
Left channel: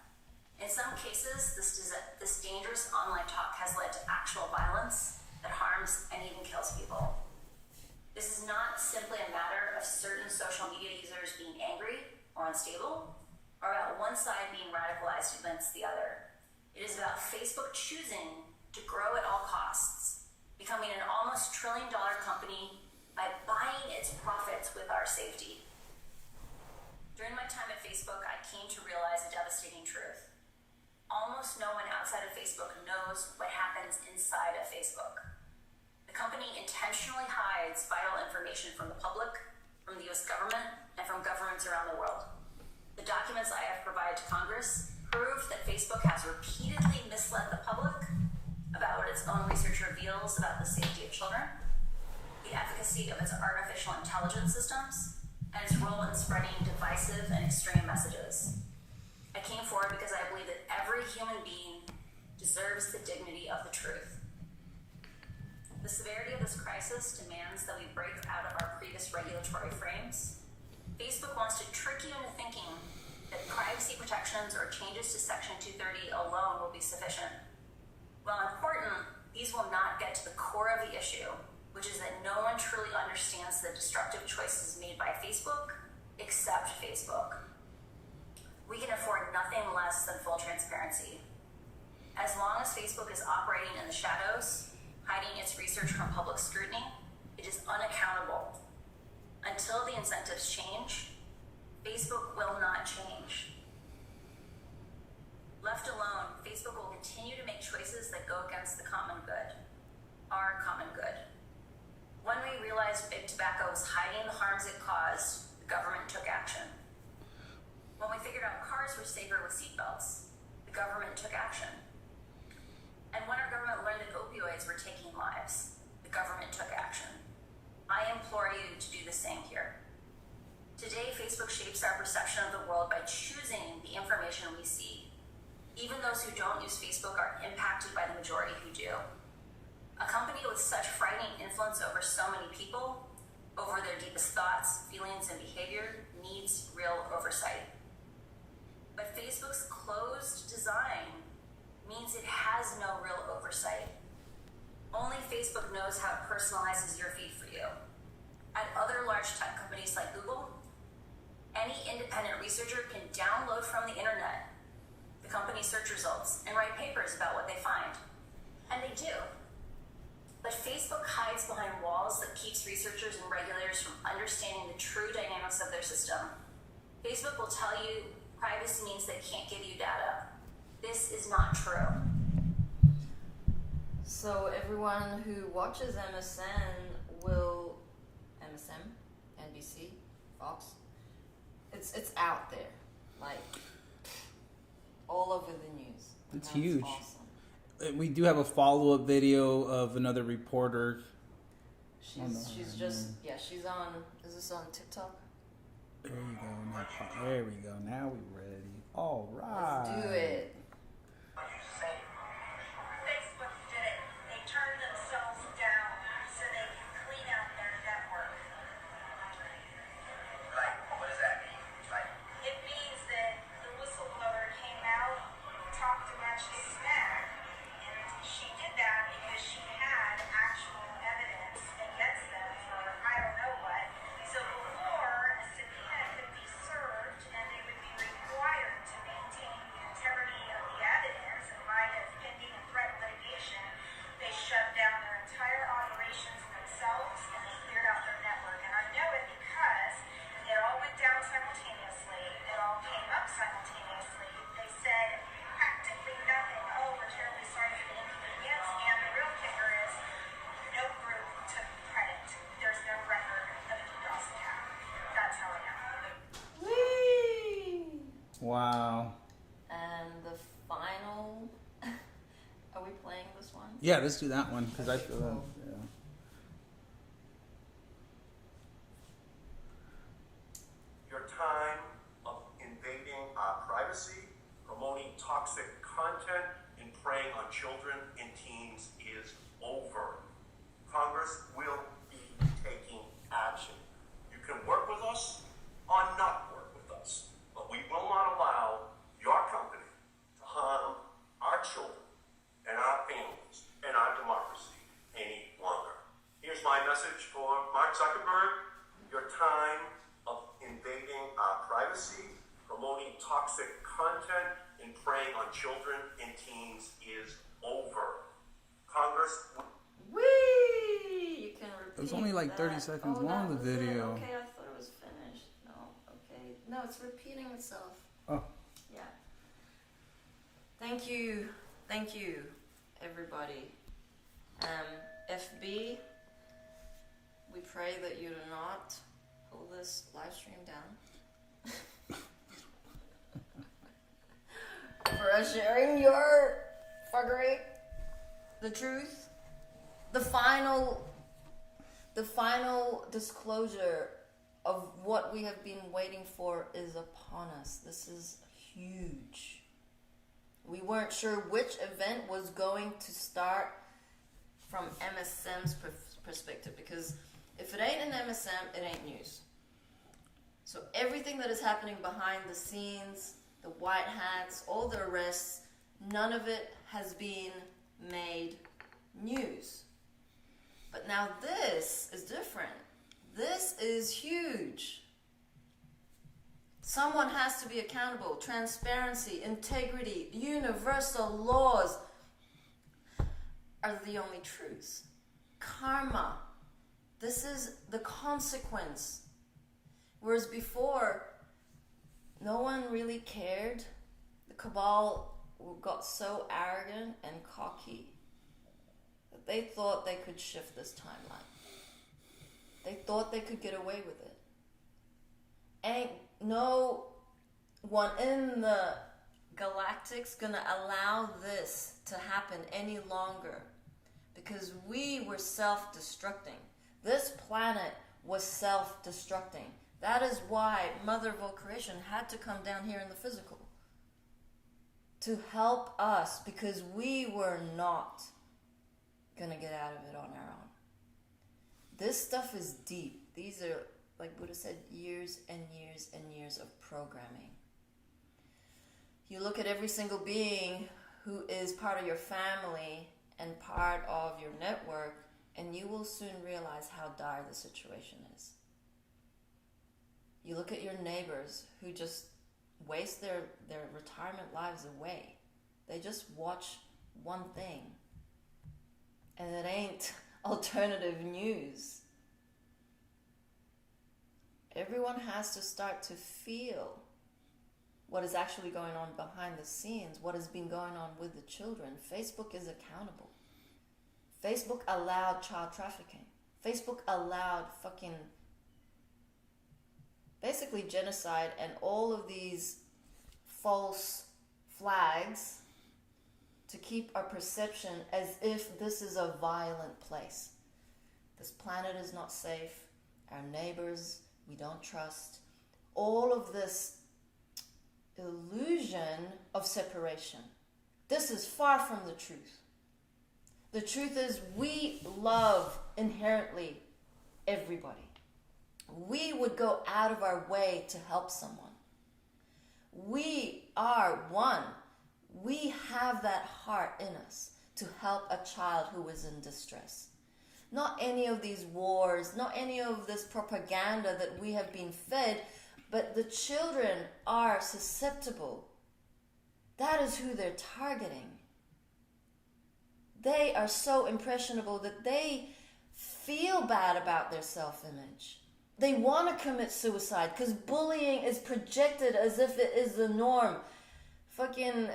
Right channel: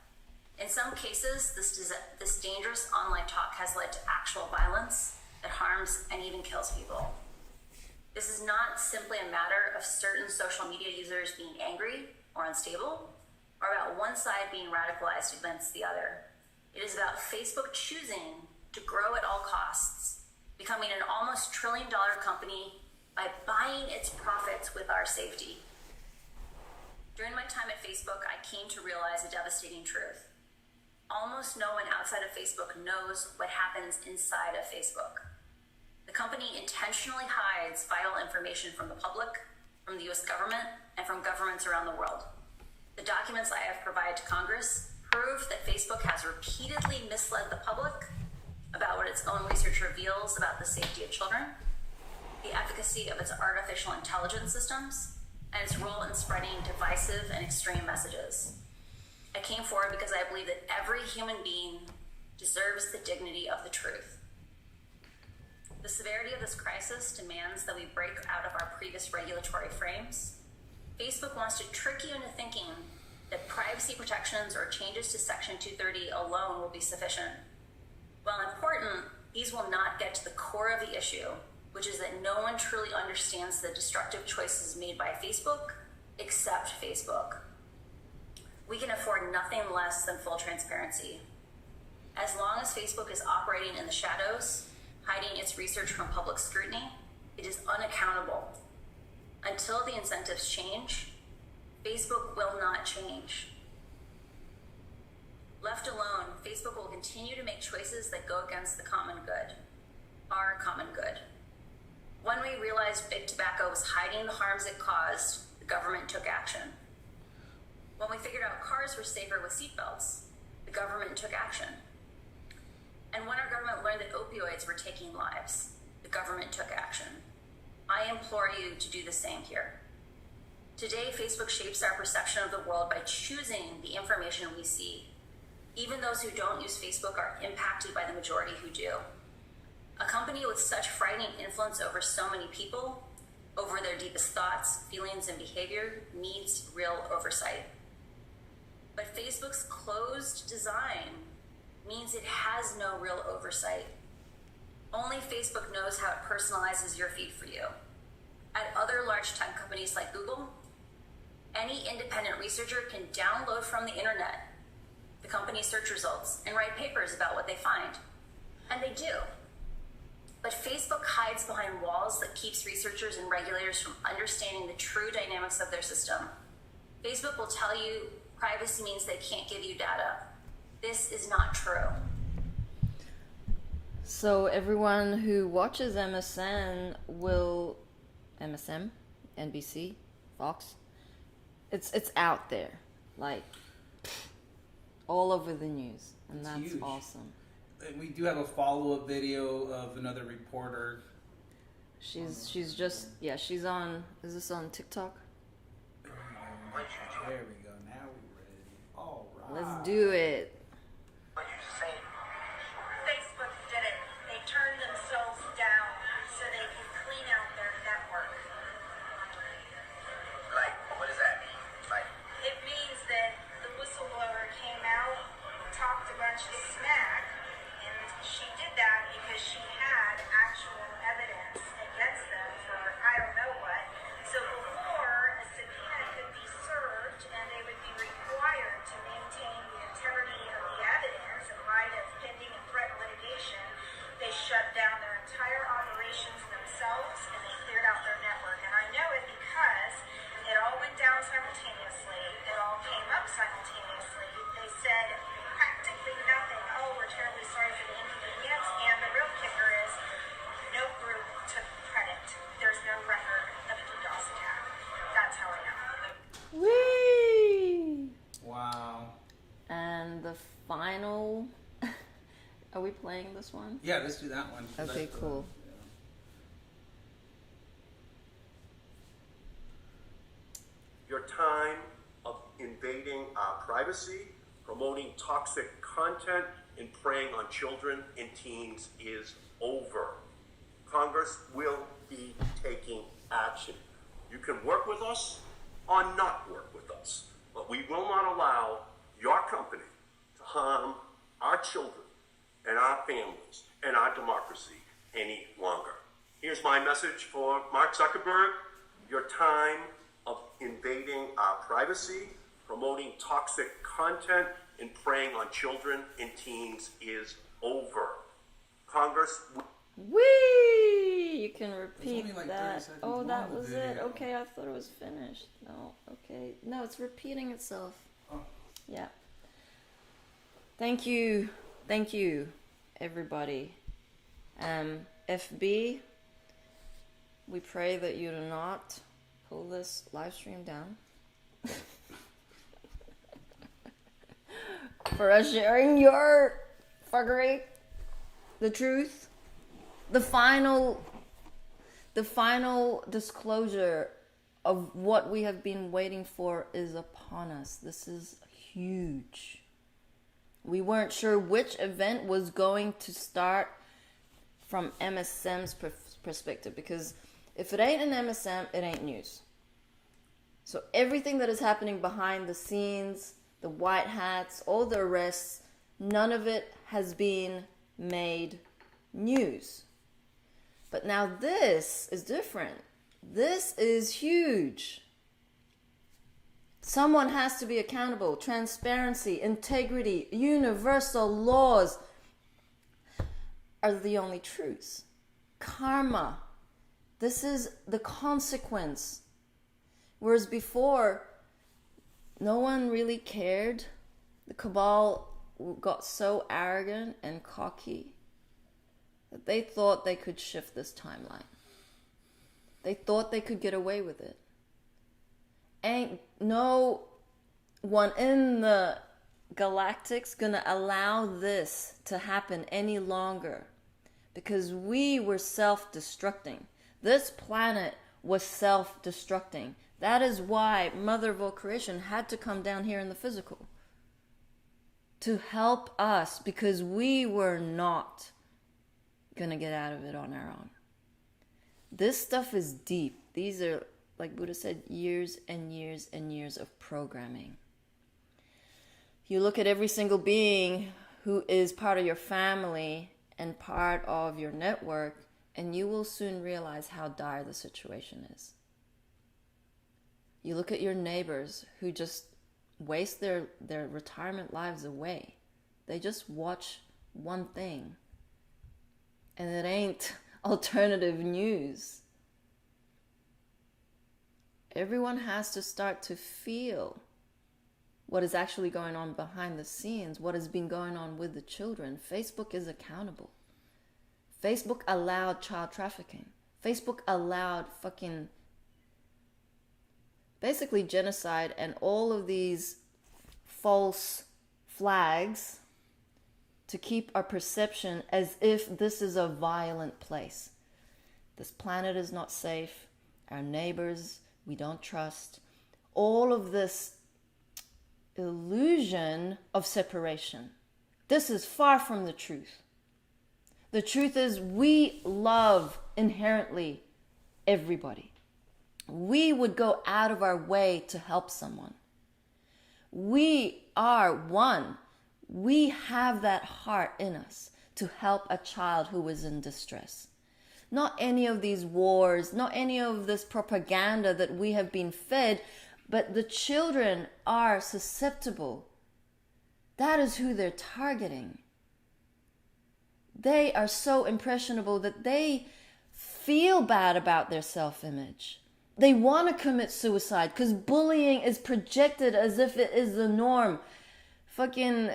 In some cases, this dangerous online talk has led to actual violence that harms and even kills people. This is not simply a matter of certain social media users being angry or unstable, or about one side being radicalized against the other. It is about Facebook choosing to grow at all costs, becoming an almost $1 trillion company by buying its profits with our safety. During my time at Facebook, I came to realize a devastating truth. Almost no one outside of Facebook knows what happens inside of Facebook. The company intentionally hides vital information from the public, from the US government, and from governments around the world. The documents I have provided to Congress prove that Facebook has repeatedly misled the public about what its own research reveals about the safety of children, the efficacy of its artificial intelligence systems, and its role in spreading divisive and extreme messages. I came forward because I believe that every human being deserves the dignity of the truth. The severity of this crisis demands that we break out of our previous regulatory frames. Facebook wants to trick you into thinking that privacy protections or changes to Section 230 alone will be sufficient. While important, these will not get to the core of the issue, which is that no one truly understands the destructive choices made by Facebook except Facebook. We can afford nothing less than full transparency. As long as Facebook is operating in the shadows, hiding its research from public scrutiny, it is unaccountable. Until the incentives change, Facebook will not change. Left alone, Facebook will continue to make choices that go against the common good, our common good. When we realized big tobacco was hiding the harms it caused, the government took action. When we figured out cars were safer with seatbelts, the government took action. And when our government learned that opioids were taking lives, the government took action. I implore you to do the same here. Today, Facebook shapes our perception of the world by choosing the information we see. Even those who don't use Facebook are impacted by the majority who do. A company with such frightening influence over so many people, over their deepest thoughts, feelings, and behavior, needs real oversight. But Facebook's closed design means it has no real oversight. Only Facebook knows how it personalizes your feed for you. At other large tech companies like Google, any independent researcher can download from the internet the company's search results and write papers about what they find. And they do. But Facebook hides behind walls that keeps researchers and regulators from understanding the true dynamics of their system. Facebook will tell you privacy means they can't give you data. This is not true. So everyone who watches MSN, NBC, Fox, it's out there, like all over the news. And It's that's huge. Awesome. We do have a follow-up video of another reporter. She's on. Is this on TikTok? There we go. There we go. Now we're ready. All right. Let's do it. Facebook did it. They turned themselves down so they could clean out their network. Like, what does that mean? Like, It means that the whistleblower came out, talked a bunch of smack, and she did that because she had actual evidence against them for I don't know what. So before a subpoena could be served and they would be required to maintain the integrity of the evidence in light of pending and threat litigation, they shut down their entire operations themselves and they cleared out their network. And I know it because it all went down simultaneously. It all came up simultaneously. They said practically nothing. Oh, we're terribly sorry for the inconvenience. And the real kicker is no group took credit. There's no record of a DDoS attack. That's how I know. Whee! Wow. And the final. Are we playing this one? Yeah, let's do that one. 'cause I Okay, feel cool. that- privacy, promoting toxic content, and preying on children and teens is over. Congress will be taking action. You can work with us or not work with us, but we will not allow your company to harm our children and our families and our democracy any longer. Here's my message for Mark Zuckerberg. Your time of invading our privacy, promoting toxic content, and preying on children and teens is over. Congress... Whee! You can repeat. It's only like 30 that. seconds Oh, long, that the was video. It. Okay, I thought it was finished. No, okay. No, it's repeating itself. Oh. Yeah. Thank you. Thank you, everybody. FB, we pray that you do not pull this live stream down. For us sharing your fuckery, the truth, the final disclosure of what we have been waiting for is upon us. This is huge. We weren't sure which event was going to start from MSM's perspective, because if it ain't an MSM, it ain't news. So everything that is happening behind the scenes, the white hats, all the arrests, none of it has been made news. But now this is different. This is huge. Someone has to be accountable. Transparency, integrity, universal laws are the only truths. Karma. This is the consequence. Whereas before, no one really cared. The cabal got so arrogant and cocky that they thought they could shift this timeline. They thought they could get away with it. Ain't no one in the galactic's gonna allow this to happen any longer, because we were self-destructing. This planet was self-destructing. That is why Mother of all creation had to come down here in the physical to help us, because we were not gonna get out of it on our own. This stuff is deep. These are, like Buddha said, years and years and years of programming. You look at every single being who is part of your family and part of your network, and you will soon realize how dire the situation is. You look at your neighbors who just waste their retirement lives away. They just watch one thing, and it ain't alternative news. Everyone has to start to feel what is actually going on behind the scenes, what has been going on with the children. Facebook is accountable. Facebook allowed child trafficking. Facebook allowed fucking basically genocide and all of these false flags to keep our perception as if this is a violent place. This planet is not safe. Our neighbors, we don't trust. All of this illusion of separation. This is far from the truth. The truth is we love inherently everybody. We would go out of our way to help someone. We are one. We have that heart in us to help a child who is in distress. Not any of these wars, not any of this propaganda that we have been fed, but the children are susceptible. That is who they're targeting. They are so impressionable that they feel bad about their self-image. They want to commit suicide because bullying is projected as if it is the norm. Fucking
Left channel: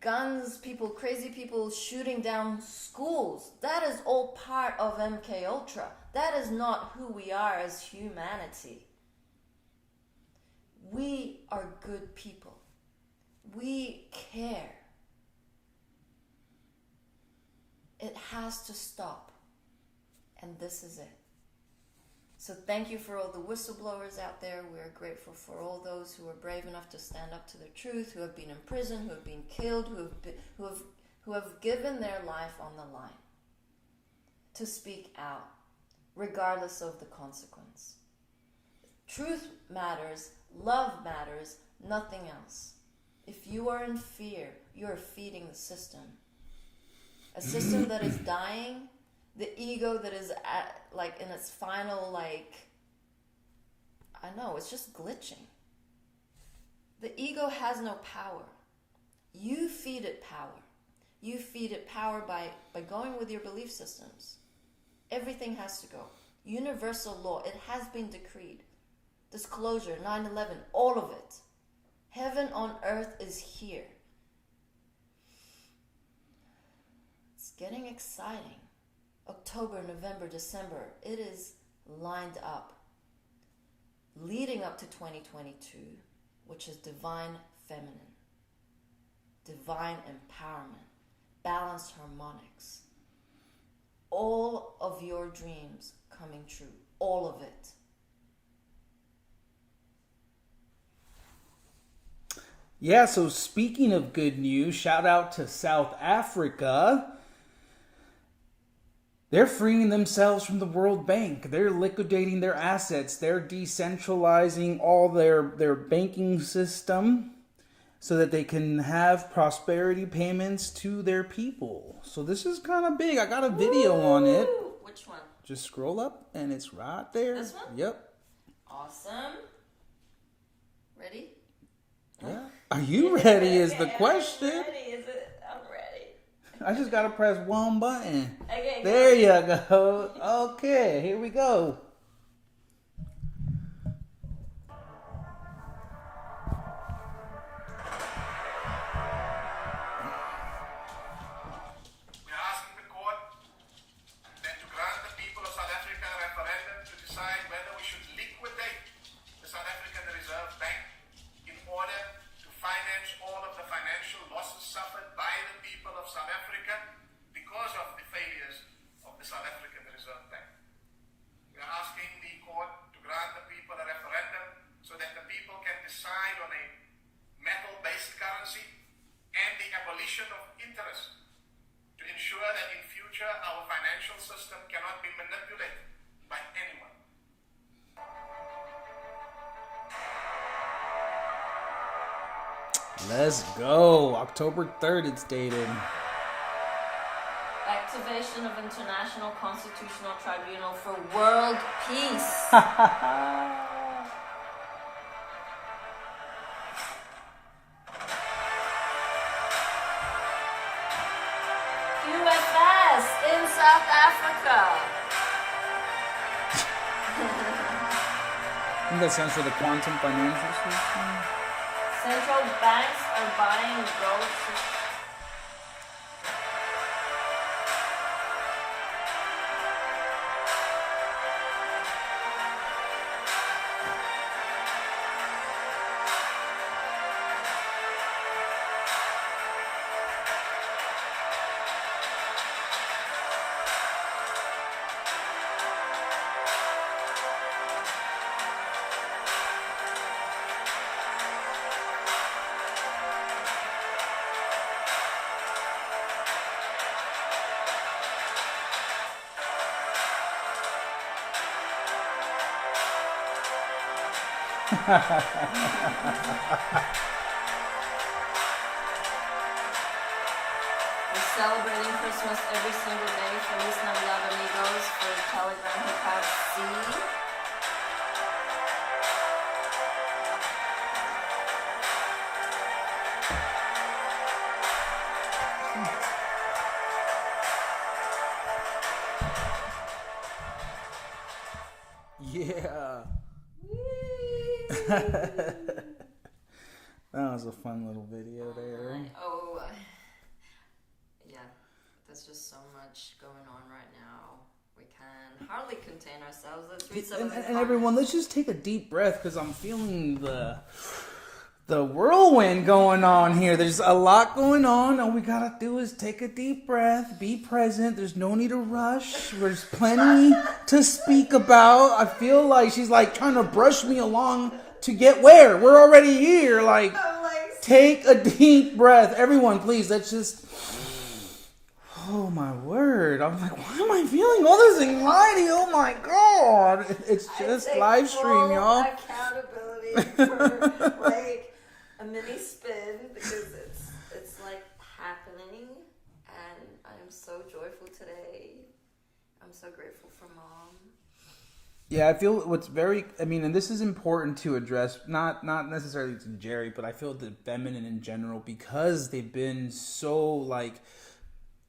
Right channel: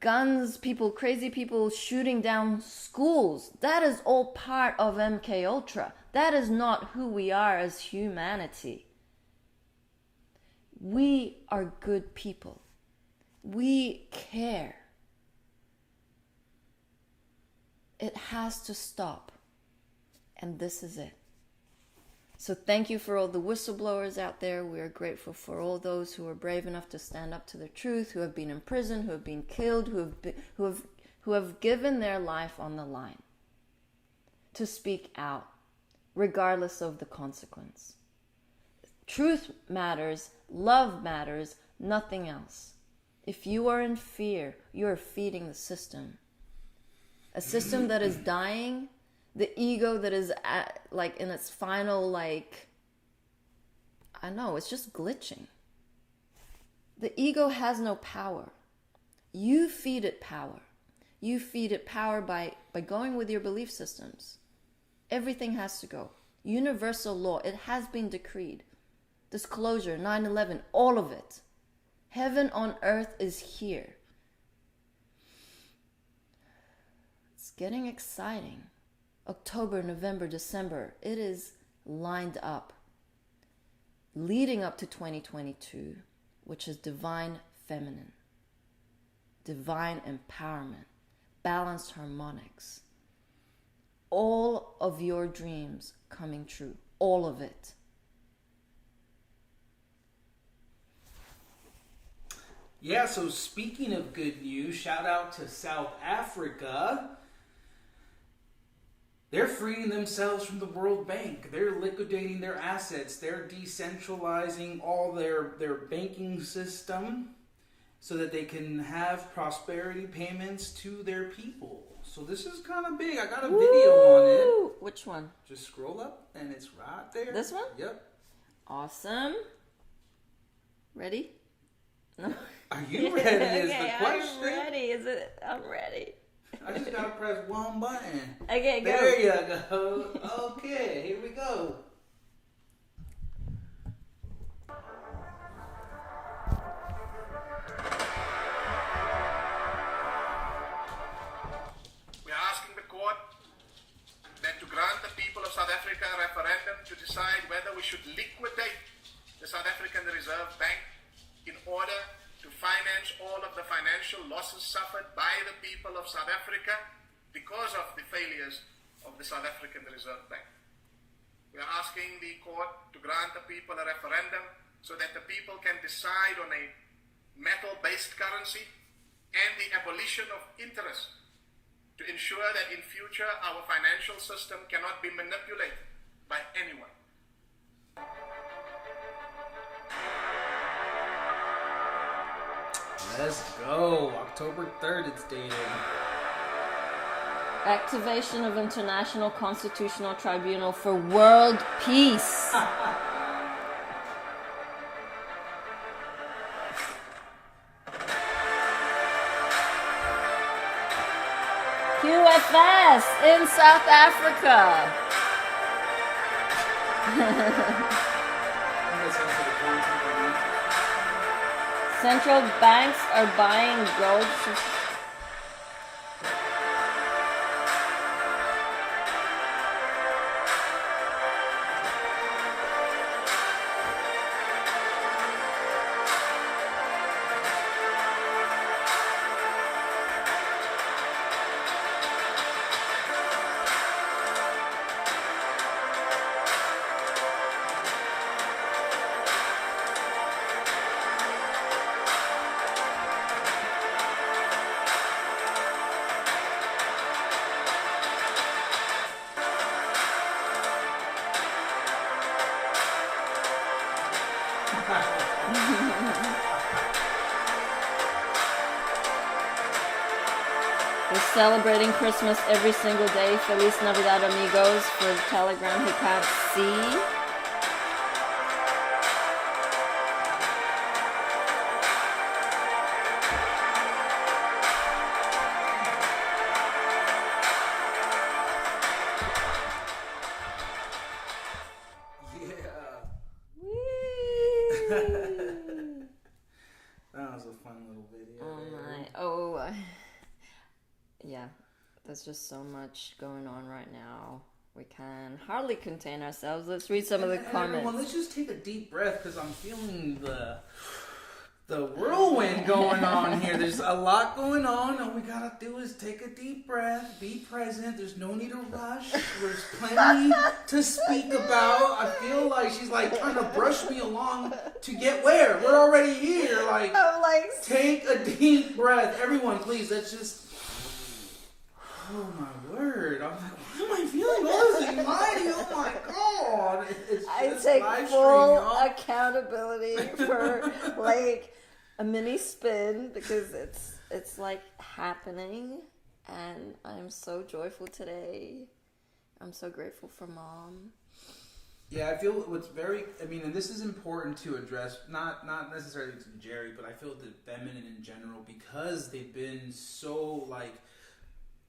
guns, people, crazy people shooting down schools. That is all part of MK Ultra. That is not who we are as humanity. We are good people. We care. It has to stop. And this is it. So thank you for all the whistleblowers out there. We are grateful for all those who are brave enough to stand up to the truth, who have been in prison, who have been killed, who have given their life on the line to speak out, regardless of the consequence. Truth matters, love matters, nothing else. If you are in fear, you are feeding the system. A system that is dying, the ego that is at, like, in its final, like, I know, it's just glitching. The ego has no power. You feed it power. You feed it power by going with your belief systems. Everything has to go. Universal law, it has been decreed. Disclosure, 9/11, all of it. Heaven on earth is here. It's getting exciting. October, November, December, it is lined up. Leading up to 2022, which is divine feminine, divine empowerment, balanced harmonics. All of your dreams coming true. All of it. Yeah, so speaking of good news, shout out to South Africa. They're freeing themselves from the World Bank. They're liquidating their assets. They're decentralizing all their banking system so that they can have prosperity payments to their people. So this is kind of big. I got a video on it. Which one? Just scroll up and it's right there. This one? Yep. Awesome. Ready? No? Yeah. Are you ready is the Okay, question. I'm ready. Is it? I'm ready. I just got to press one button. Okay, go. There you go. Okay, here we go. We are asking the court then to grant the people of South Africa a referendum to decide whether we should liquidate the South African Reserve Bank in order to finance all of the financial losses suffered by the people of South Africa because of the failures of the South African Reserve Bank. We are asking the court to grant the people a referendum so that the people can decide on a metal-based currency and the abolition of interest to ensure that in future our financial system cannot be manipulated by anyone. Let's go. October 3rd it's dated. Activation of International Constitutional Tribunal for World Peace. QFS in South Africa. I think that stands for the Quantum Financial System. Central banks are buying gold. We're celebrating Christmas every single day. Feliz Navidad, amigos, for the Telegram who can't see. Yeah. That was a fun little video there. Yeah, there's just so much going on right now. We can hardly contain ourselves. Let's read some of the comments. And everyone, let's just take a deep breath because I'm feeling the whirlwind going on here. There's a lot going on. All we gotta do is take a deep breath, be present. There's no need to rush. There's plenty to speak about. I feel like she's like trying to brush me along to get where? We're already here. Like, take a deep breath. Everyone, please, let's just... Oh my word. I'm like, why am I feeling all this anxiety? Oh my God. It's just live stream, y'all. Accountability for like a mini spin because it's like happening, and I'm so joyful today. I'm so grateful for Mom. Yeah, I feel what's very, I mean, and this is important to address, not necessarily to Jerry, but I feel the feminine in general, because they've been so like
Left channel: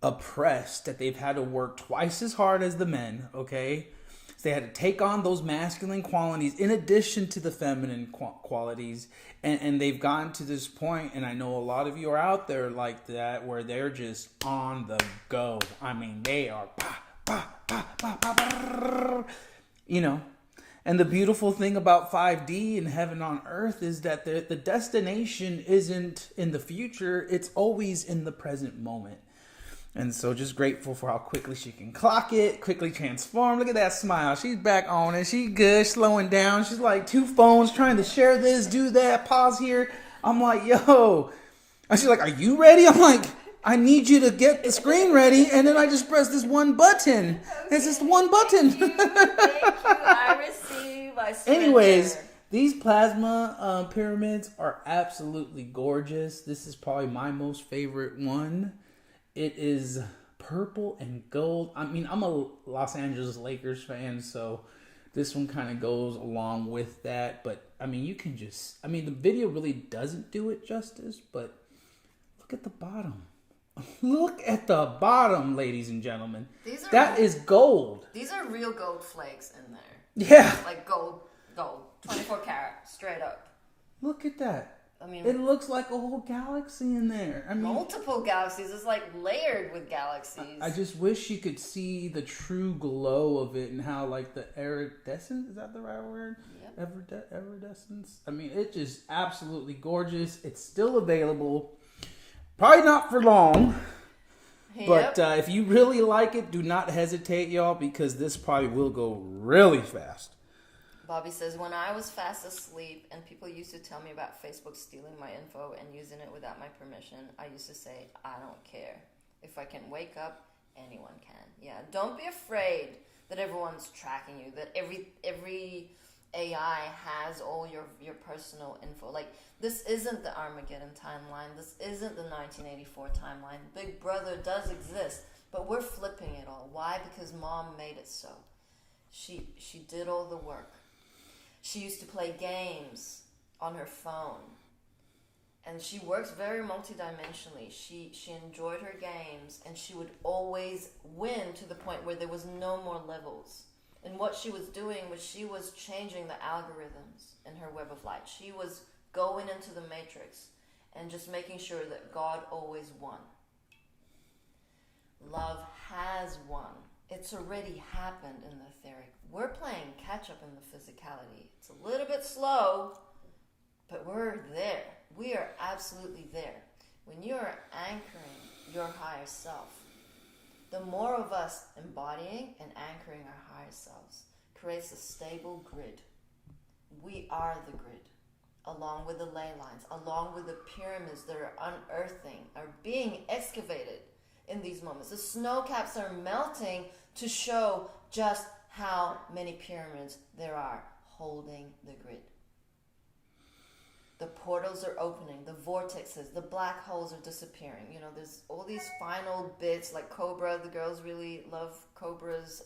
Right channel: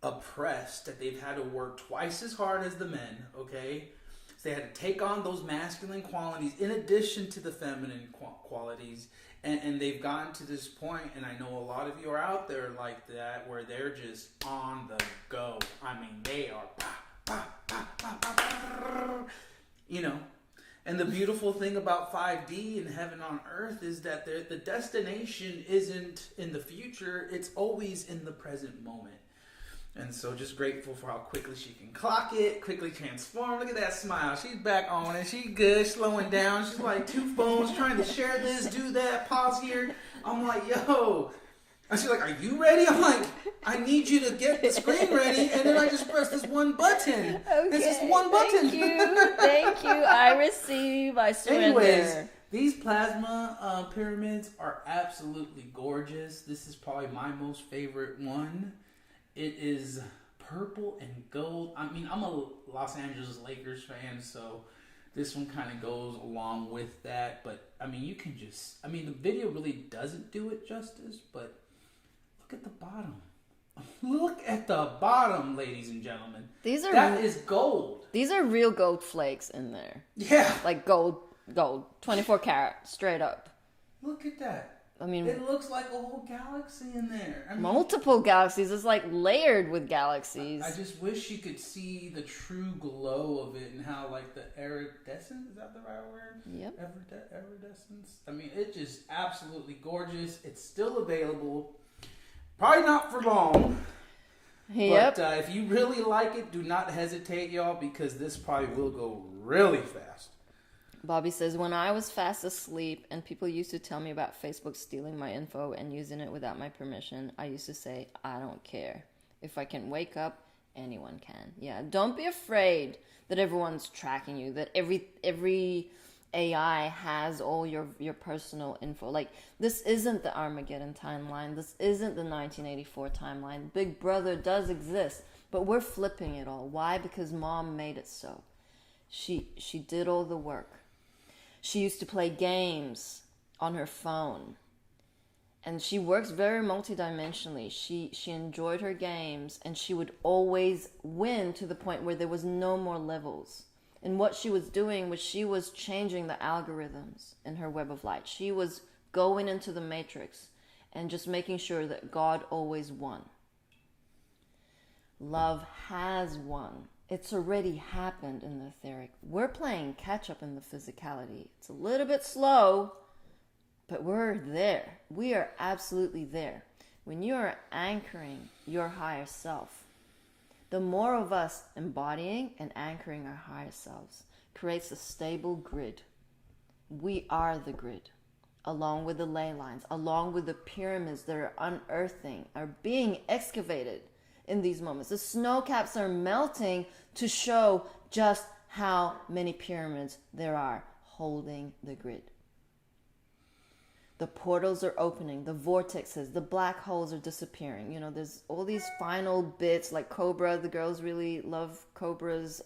oppressed that they've had to work twice as hard as the men, okay? So they had to take on those masculine qualities in addition to the feminine qualities, and they've gotten to this point, and I know a lot of you are out there like that, where they're just on the go. I mean, they are you know. And the beautiful thing about 5D and Heaven on Earth is that the destination isn't in the future, it's always in the present moment. And so just grateful for how quickly she can clock it, quickly transform. Look at that smile. She's back on it. She's good, slowing down. She's like 2 phones trying to share this, do that, pause here. I'm like, yo. And she's like, are you ready? I'm like, I need you to get the screen ready. And then I just press this one button. Okay, it's just one button. Thank you. I receive. I surrender. Anyways, these plasma pyramids are absolutely gorgeous. This is probably my most favorite one. It is purple and gold. I mean, I'm a Los Angeles Lakers fan, so this one kind of goes along with that. But, I mean, you can just... I mean, the video really doesn't do it justice, but look at the bottom. Look at the bottom, ladies and gentlemen. That is gold. These are real gold flakes in there. Yeah. Like gold. 24 karat, straight up. Look at that. I mean, it looks like a whole galaxy in there. I mean, multiple galaxies. It's like layered with galaxies. I just wish you could see the true glow of it and how like the iridescence, is that the right word? Yep. Iridescence. I mean, it's just absolutely gorgeous. It's still available. Probably not for long. Yep. But if you really like it, do not hesitate, y'all, because this probably will go really fast. Bobby says, when I was fast asleep and people used to tell me about Facebook stealing my info and using it without my permission, I used to say, I don't care. If I can wake up, anyone can. Yeah, don't be afraid that everyone's tracking you, that every AI has all your personal info. Like, this isn't the Armageddon timeline. This isn't the 1984 timeline. Big Brother does exist, but we're flipping it all. Why? Because Mom made it so. She did all the work. She used to play games on her phone. And she works very multidimensionally. She enjoyed her games, and she would always win to the point where there was no more levels. And what she was doing was she was changing the algorithms in her web of light. She was going into the matrix and just making sure that God always won. Love has won. It's already happened in the etheric. We're playing catch up in the physicality. It's a little bit slow, but we're there. We are absolutely there. When you are anchoring your higher self, the more of us embodying and anchoring our higher selves creates a stable grid. We are the grid, along with the ley lines, along with the pyramids that are unearthing, are being excavated in these moments. The snow caps are melting to show just how many pyramids there are holding the grid. The portals are opening, the vortexes, the black holes are disappearing. You know, there's all these final bits like Cobra. The girls really love Cobra's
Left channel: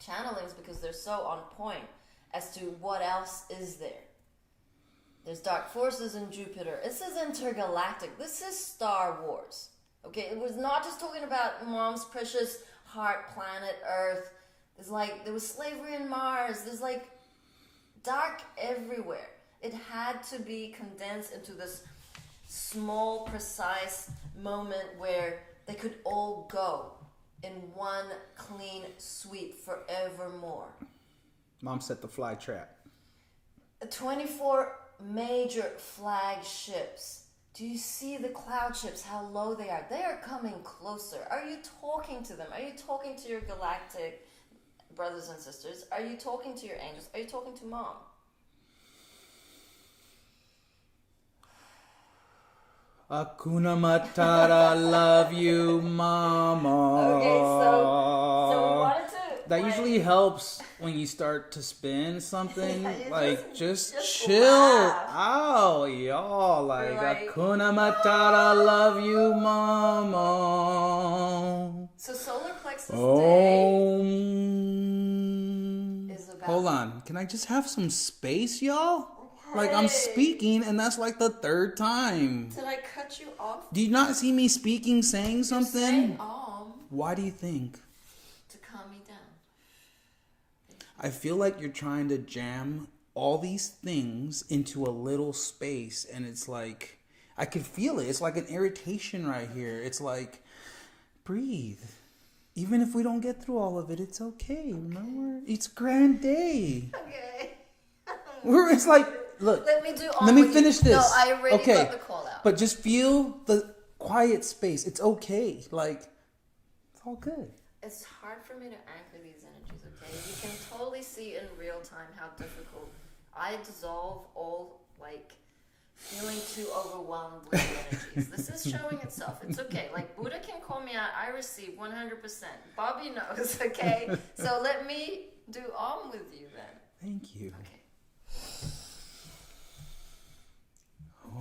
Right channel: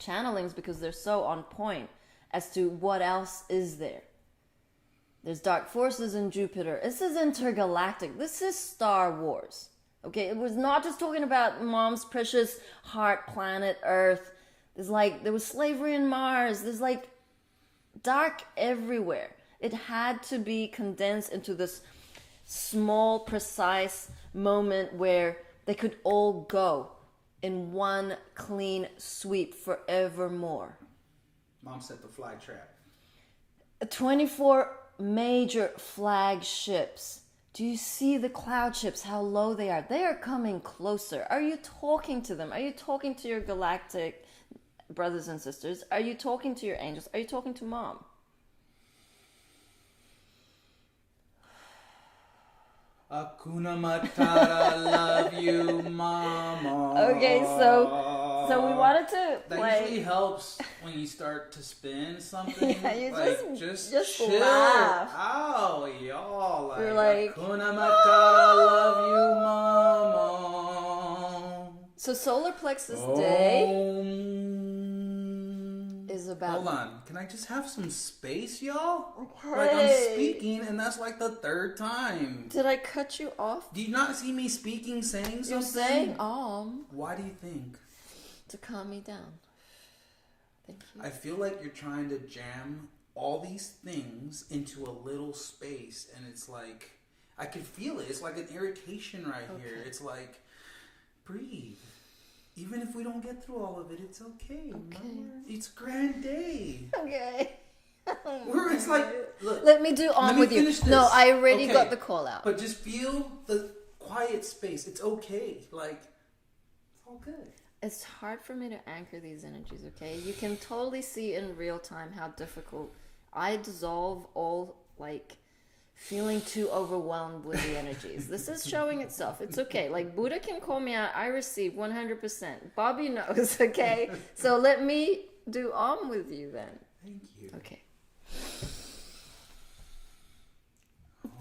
channelings because they're so on point as to what else is there. There's dark forces in Jupiter. This is intergalactic. This is Star Wars. Okay, it was not just talking about Mom's precious heart planet Earth. There was slavery in Mars. There's like dark everywhere. It had to be condensed into this small, precise moment where they could all go in one clean sweep forevermore. Mom set the fly trap. 24 major flagships. Do you see the cloud ships, how low they are? They are coming closer. Are you talking to them? Are you talking to your galactic brothers and sisters? Are you talking to your angels? Are you talking to Mom? Hakuna Matata, love you, mama. Okay, so we wanted to That like, usually helps when you start to spin something. Yeah, you like just chill. laugh. Oh, y'all like, You're like, Hakuna Matata, love you, mama. so solar plexus day Om. is about. Hold on, can I just have some space, y'all? Like I'm speaking, and that's like the third time. Did I cut you off? Do you not see me speaking, saying something? Saying Why do you think? to calm me down. I feel like you're trying to jam all these things into a little space, and it's like I can feel it. It's like an irritation right here. It's like breathe. Even if we don't get through all of it, it's okay. Remember, it's grand day. Okay. It's like, look. Let me do on Let me with finish you. this. No, I already Okay. got the call out. But just feel the quiet space. It's okay. Like, it's all good. It's hard for me to anchor these energies, okay? You can totally see in real time how difficult I dissolve all, like, feeling too overwhelmed with the energies. This is showing itself. It's okay. Like, Buddha can call me out. I receive 100%. Bobby knows, okay? So let me do with you then. Thank you. Okay.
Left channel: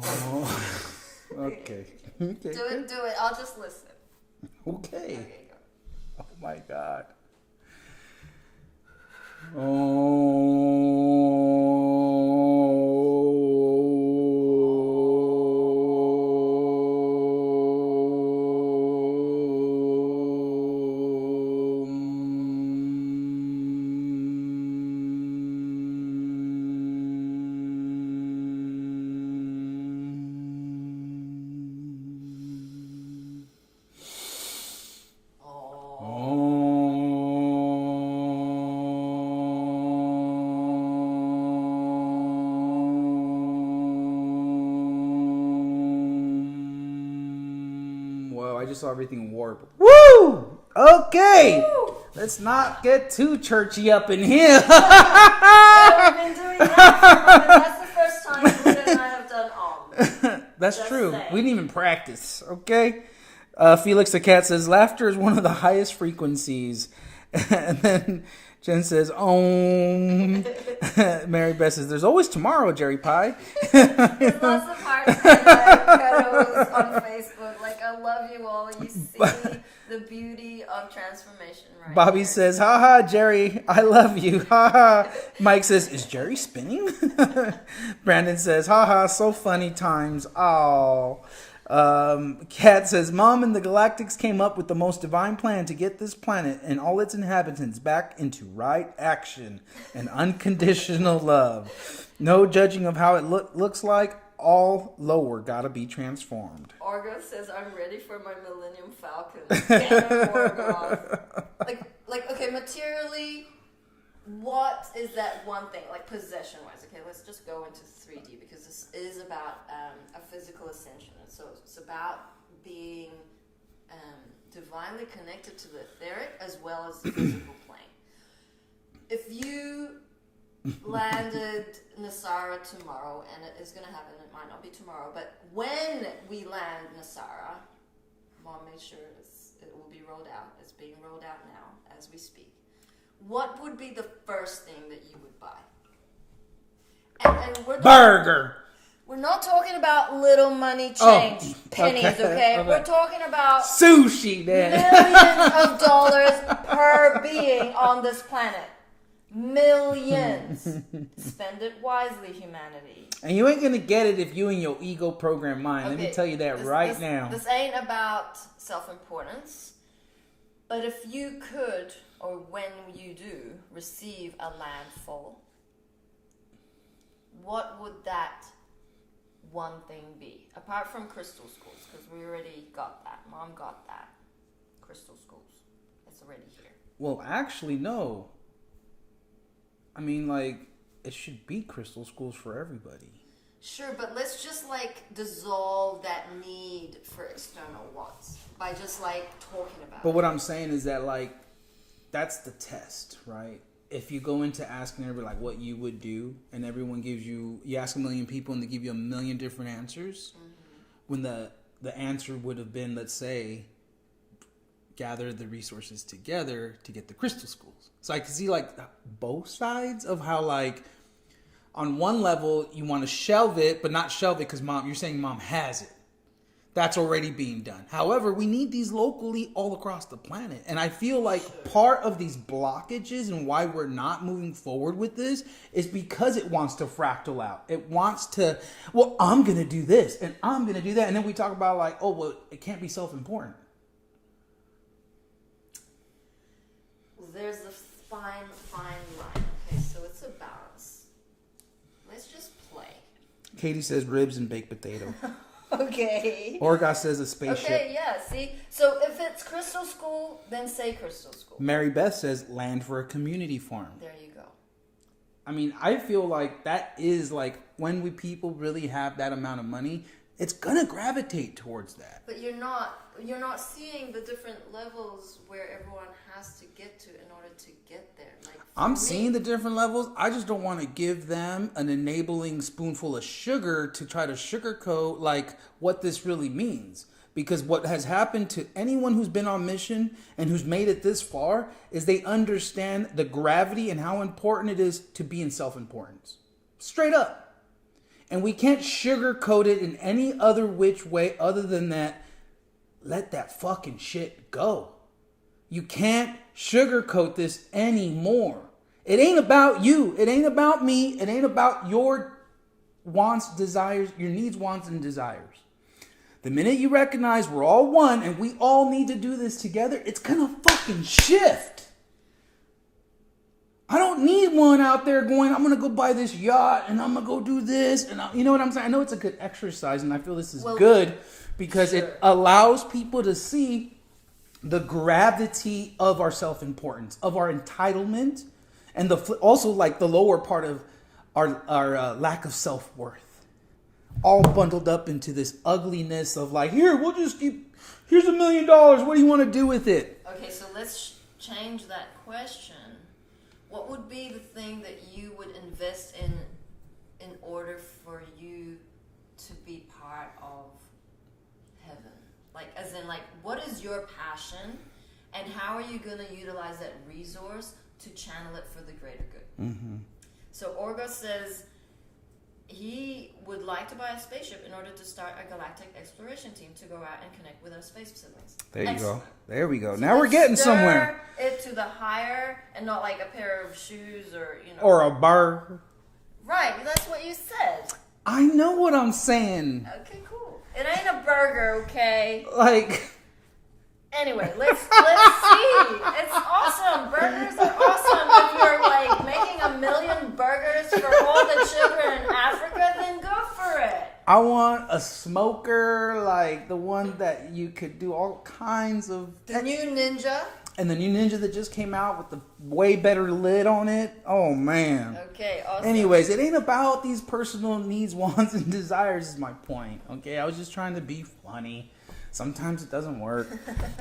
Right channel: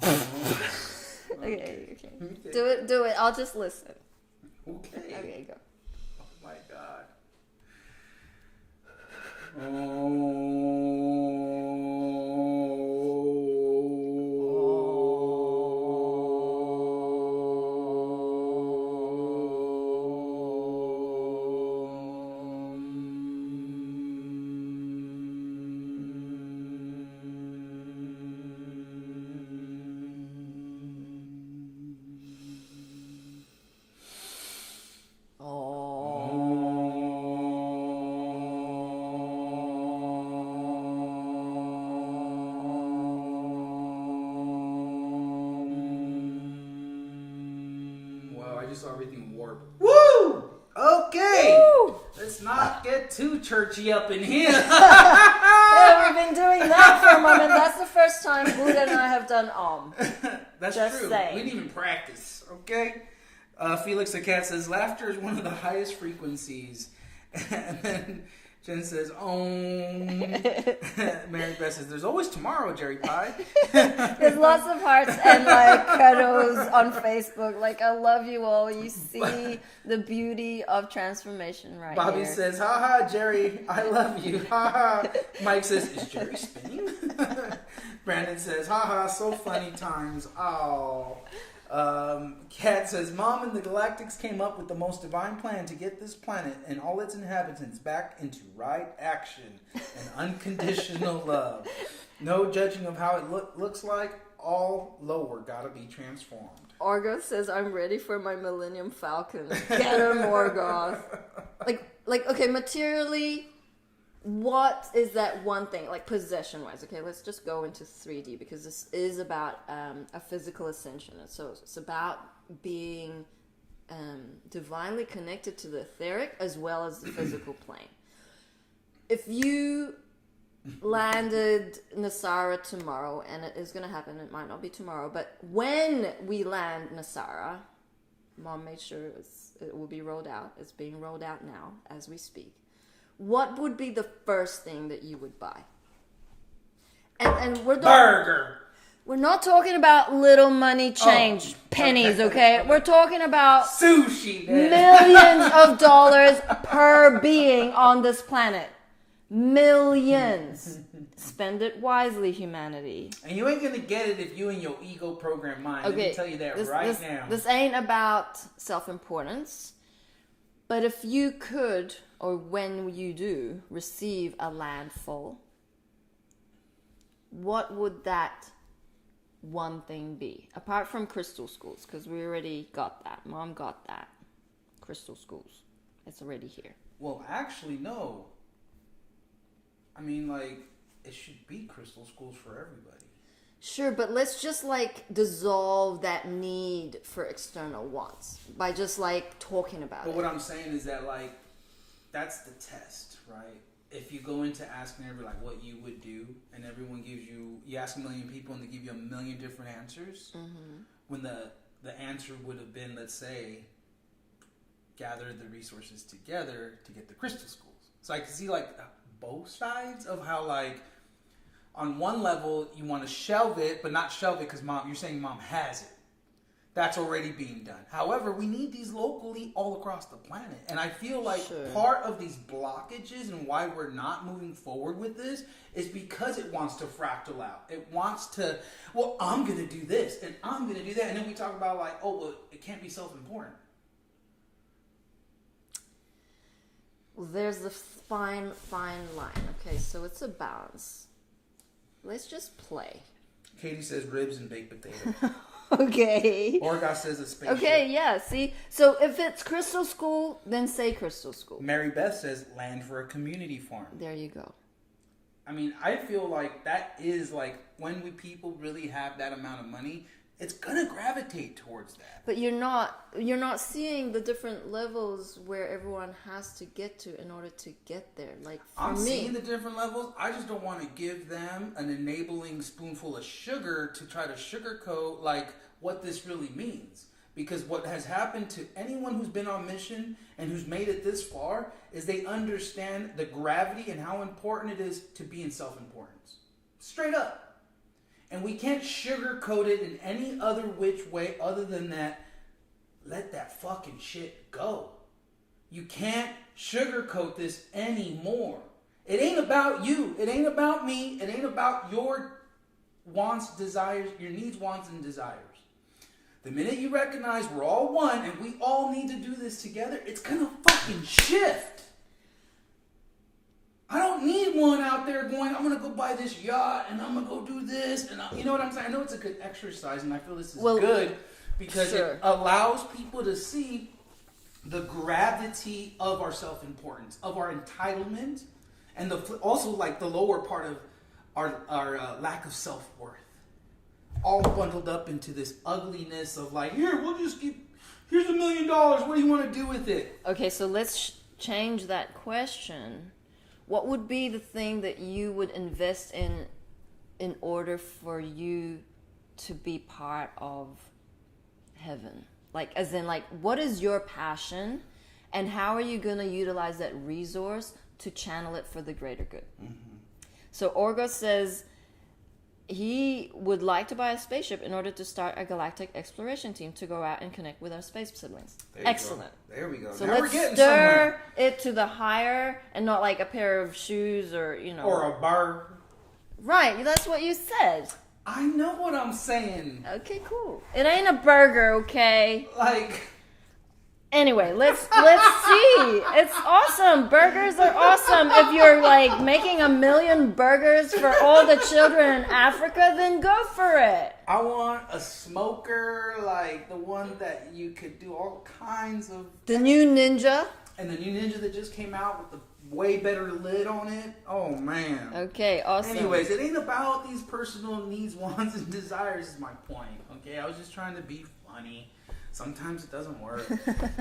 Oh. Okay. Okay. Do it. I'll just listen. Okay. Okay, go. Oh my God. Well, I just saw everything warp. Woo! Okay. Woo! Let's not get too churchy up in here. Yeah, we've been doing that for a moment. That's the first time Buddha and I have done That's Just true. saying. We didn't even practice, okay? Felix the cat says, laughter is one of the highest frequencies. And then Jen says, Mary Beth says, there's always tomorrow, Jerry Pie. There's lots of hearts and like cuddles on Facebook. Like, I love you all. You see the beauty of transformation right Bobby here. says, haha, Jerry, I love you. Haha. Mike says, is Jerry spinning? Brandon says, haha, so funny times. Oh. Kat says, Mom and the Galactics came up with the most divine plan to get this planet and all its inhabitants back into right action and unconditional love. No judging of how it looks like. All lower gotta be transformed. Orgo says, I'm ready for my Millennium Falcon. Get him, Morgoth. Like, okay, materially, what is that one thing, like possession-wise? Okay, let's just go into 3D because this is about a physical ascension. So it's about being divinely connected to the etheric as well as the physical plane. If you landed Nasara tomorrow, and it is going to happen, it might not be tomorrow, but when we land Nasara, Mom made sure it will be rolled out. It's being rolled out now as we speak. What would be the first thing that you would buy? And Burger. We're not talking about little money change, pennies, okay? We're talking about sushi, man. Millions of dollars per being on this planet. Millions. Spend it wisely, humanity. And you ain't gonna get it if you and your ego program mind. Let me tell you that now. This ain't about self-importance. But if you could, or when you do, receive a landfall, what would that one thing be? Apart from crystal schools, because we already got that. Mom got that. Crystal schools. It's already here. Well, actually, no. I mean, like, it should be crystal schools for everybody. Sure, but let's just like dissolve that need for external wants by just like talking about But it. what I'm saying is that like that's the test, right? If you go into asking everybody like what you would do, and everyone gives you ask a million people and they give you a million different answers, when the answer would have been, let's say, gather the resources together to get the crystal schools. So I can see like both sides of how like on one level you want to shelve it, but not shelve it because you're saying mom has it. That's already being done. However, we need these locally all across the planet. And I feel like part of these blockages and why we're not moving forward with this is because it wants to fractal out. It wants to, well, I'm going to do this and I'm going to do that. And then we talk about like, oh, well, it can't be self-important. Well, there's a fine line. Okay, so it's a balance. Let's just play. Katie says ribs and baked potato. Okay. Orga says a spaceship. Okay, yeah, see? So if it's crystal school, then say crystal school. Mary Beth says land for a community farm. There you go. I mean, I feel like that is like when people really have that amount of money, it's gonna gravitate towards that. But you're not seeing the different levels where everyone has to get to in order to get there. Like I'm seeing the different levels. I just don't want to give them an enabling spoonful of sugar to try to sugarcoat like what this really means. Because what has happened to anyone who's been on mission and who's made it this far is they understand the gravity and how important it is to be in self-importance. Straight up. And we can't sugarcoat it in any other which way other than that. Let that fucking shit go. You can't sugarcoat this anymore. It ain't about you. It ain't about me. It ain't about your wants, desires, your needs, wants, and desires. The minute you recognize we're all one and we all need to do this together, it's gonna fucking shift. I don't need one out there going, I'm going to go buy this yacht and I'm going to go do this. And you know what I'm saying? I know it's a good exercise and I feel this is good because it allows people to see the gravity of our self-importance, of our entitlement, and also like the lower part of our lack of self-worth. All bundled up into this ugliness of like, here's $1 million. What do you want to do with it? Okay, so let's change that question. What would be the thing that you would invest in order for you to be part of heaven? Like, as in, like, what is your passion and how are you going to utilize that resource to channel it for the greater good? Mm-hmm. So Orga says he would like to buy a spaceship in order to start a galactic exploration team to go out and connect with our space siblings. There you go. There we go. So now we're getting somewhere. It to the higher and not like a pair of shoes or, Or a bar. Right, that's what you said. I know what I'm saying. Okay, cool. It ain't a burger, okay? Like... Anyway, let's see. It's awesome. Burgers are awesome. If you're like making 1 million burgers for all the children in Africa, then go for it. I want a smoker, like the one that you could do all kinds of... The new Ninja. And the new Ninja that just came out with the way better lid on it. Oh, man. Okay, awesome. Anyways, it ain't about these personal needs, wants, and desires is my point. Okay, I was just trying to be funny. Sometimes it doesn't work.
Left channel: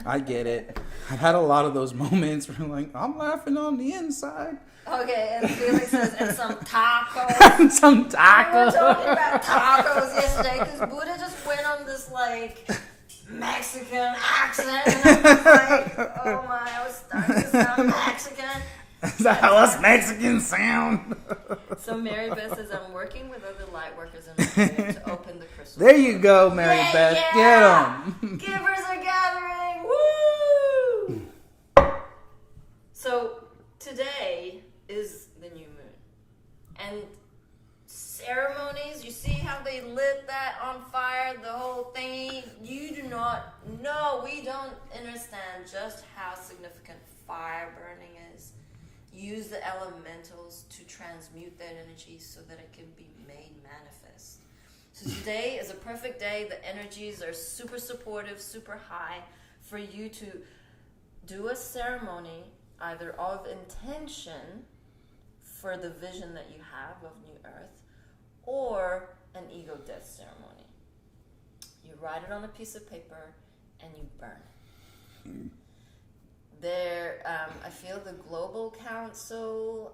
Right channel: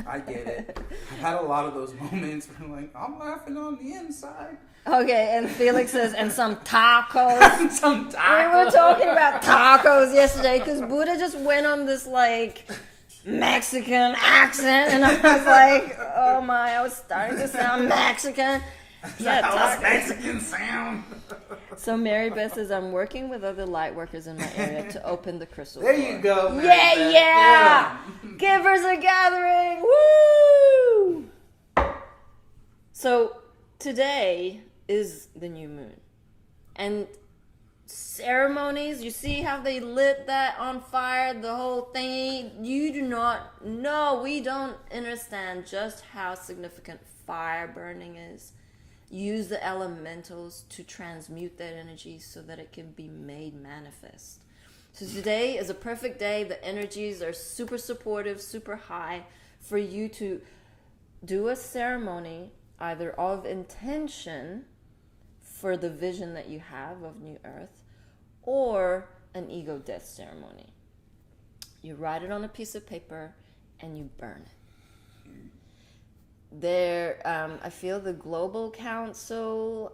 I get it. I've had a lot of those moments where I'm like, I'm laughing on the inside. Okay, and Felix says, and some tacos. Some tacos. We were talking about tacos yesterday because Buddha just went on this like Mexican accent, and I was like, oh my, I was starting to sound Mexican. Is that how us Mexicans sound? So Mary Beth says, I'm working with other light workers in my area to open the crystal There store. you go, Mary Beth. Yeah! Get 'em. Givers are gathering! Woo! So today is the new moon. And ceremonies, you see how they lit that on fire, the whole thing? You do not know, we don't understand just how significant fire burning is. Use the elementals to transmute that energy so that it can be made manifest. So today is a perfect day. The energies are super supportive, super high for you to do a ceremony either of intention for the vision that you have of New Earth or an ego death ceremony. You write it on a piece of paper and you burn it. I feel the Global Council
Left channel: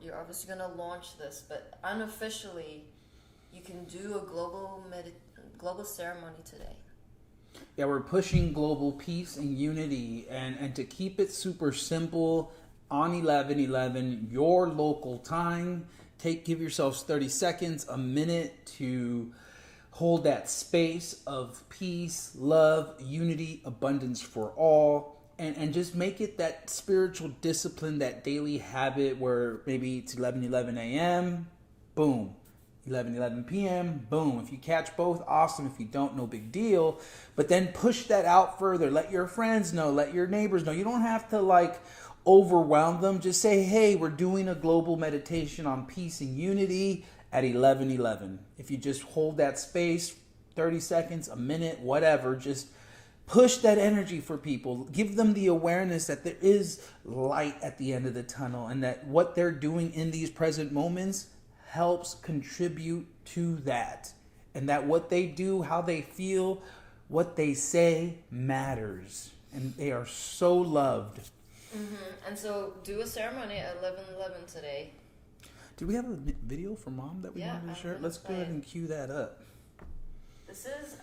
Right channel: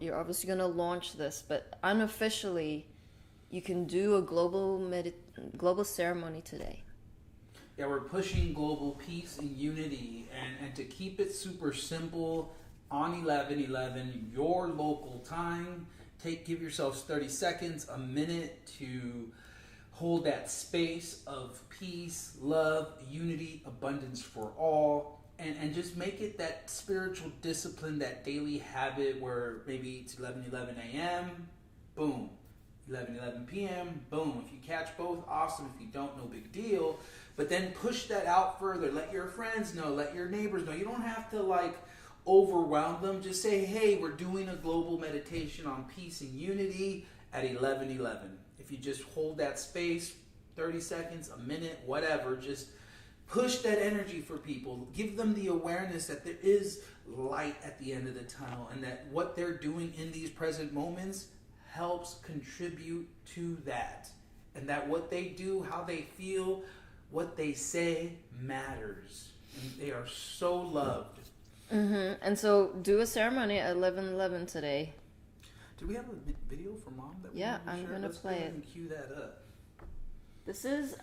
you're obviously going to launch this, but unofficially, you can do a global ceremony today. Yeah, we're pushing global peace and unity, and to keep it super simple, on 11/11, your local time, give yourselves 30 seconds, a minute to hold that space of peace, love, unity, abundance for all, and just make it that spiritual discipline, that daily habit where maybe it's 11:11 a.m., boom. 11:11 p.m., boom. If you catch both, awesome. If you don't, no big deal. But then push that out further. Let your friends know. Let your neighbors know. You don't have to overwhelm them. Just say, hey, we're doing a global meditation on peace and unity at 11:11. If you just hold that space, 30 seconds, a minute, whatever, just push that energy for people. Give them the awareness that there is light at the end of the tunnel, and that what they're doing in these present moments helps contribute to that. And that what they do, how they feel, what they say matters. And they are so loved. Mm-hmm. And so do a ceremony at 11:11 today. Do we have a video for Mom that we want to share? Let's go ahead and cue that up. This is